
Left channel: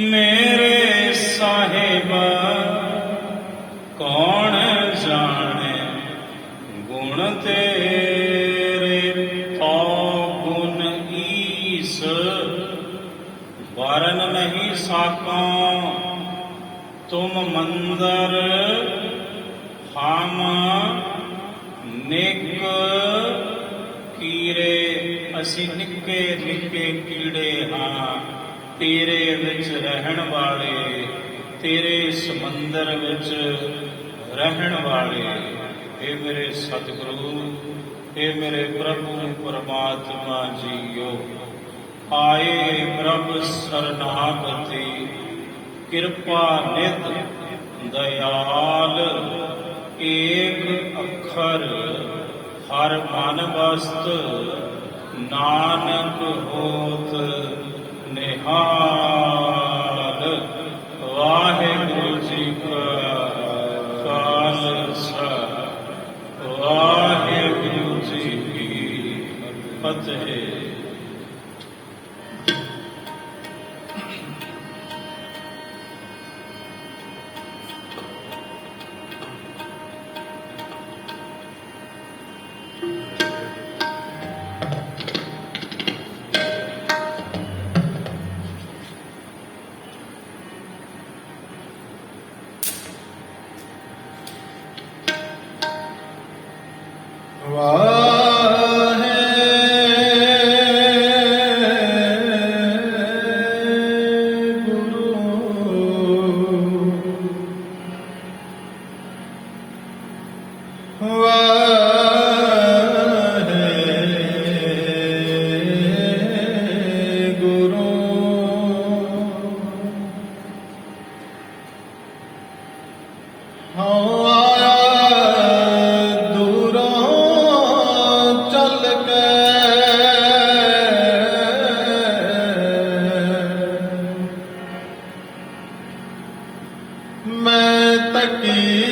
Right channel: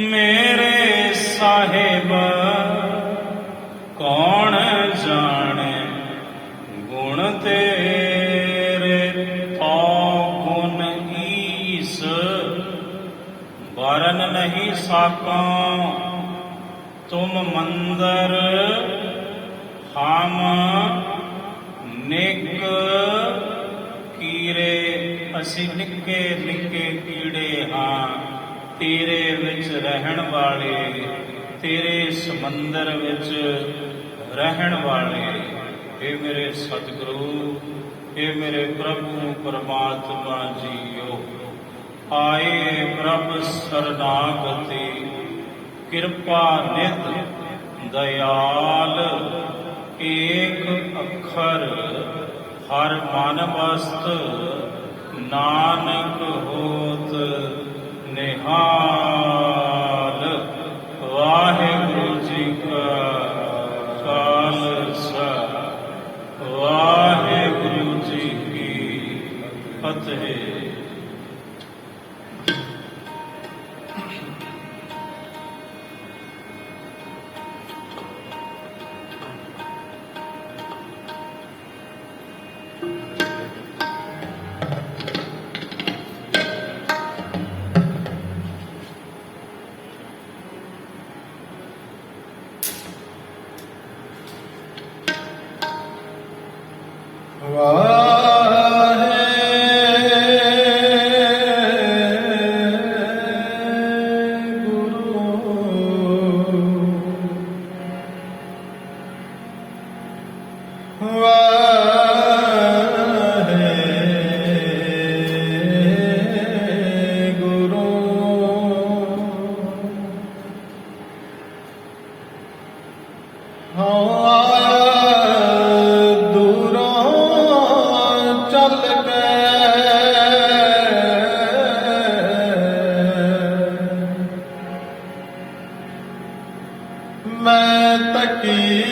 ਮੇਰੇ ਸਾਹਿਬਾ, ਕੌਣ ਜਾਣੇ ਗੁਣ ਤੇਰੇ। ਤੋ ਗੁਣ ਈਸ ਵਰਨ ਨਹੀਂ ਸਾਕਾਂ। ਤੁਮ ਮੰਦਰ ਹਮ ਨਿਕ ਕੀੜੇ, ਅਸੀਂ ਨਿੱਕੇ ਨਿੱਕੇ ਕੀੜੇ ਹਾਂ ਤੇਰੇ ਵਿੱਚ ਰਹਿਣ ਵਾਲੇ, ਤੇਰੇ ਸਮੁੰਦਰ ਵਿੱਚ ਰਹਿਣ ਵਾਲੇ। ਇਹ ਮੇਰੇ ਸਤਿਗੁਰੂ, ਇਹ ਮੇਰੇ ਪ੍ਰਭੂ ਪਰਮਾਤਮਾ ਜੀਓ, ਆਏ ਪ੍ਰਭ ਸਰਨਾਗਤੀ, ਕਿਰਪਾ ਨਿਧ ਦਇਆਲ। ਏਕ ਅੱਖਰ ਹਰ ਮਨ ਵਸਤ, ਨਾਨਕ ਹੋਤ ਨਿਹਾਲ। ਵਾਹਿਗੁਰੂ ਜੀ ਕਾ ਖਾਲਸਾ, ਵਾਹਿਗੁਰੂ ਜੀ ਕੀ ਫਤਿਹ। ਮੈਂ ਤਕੀ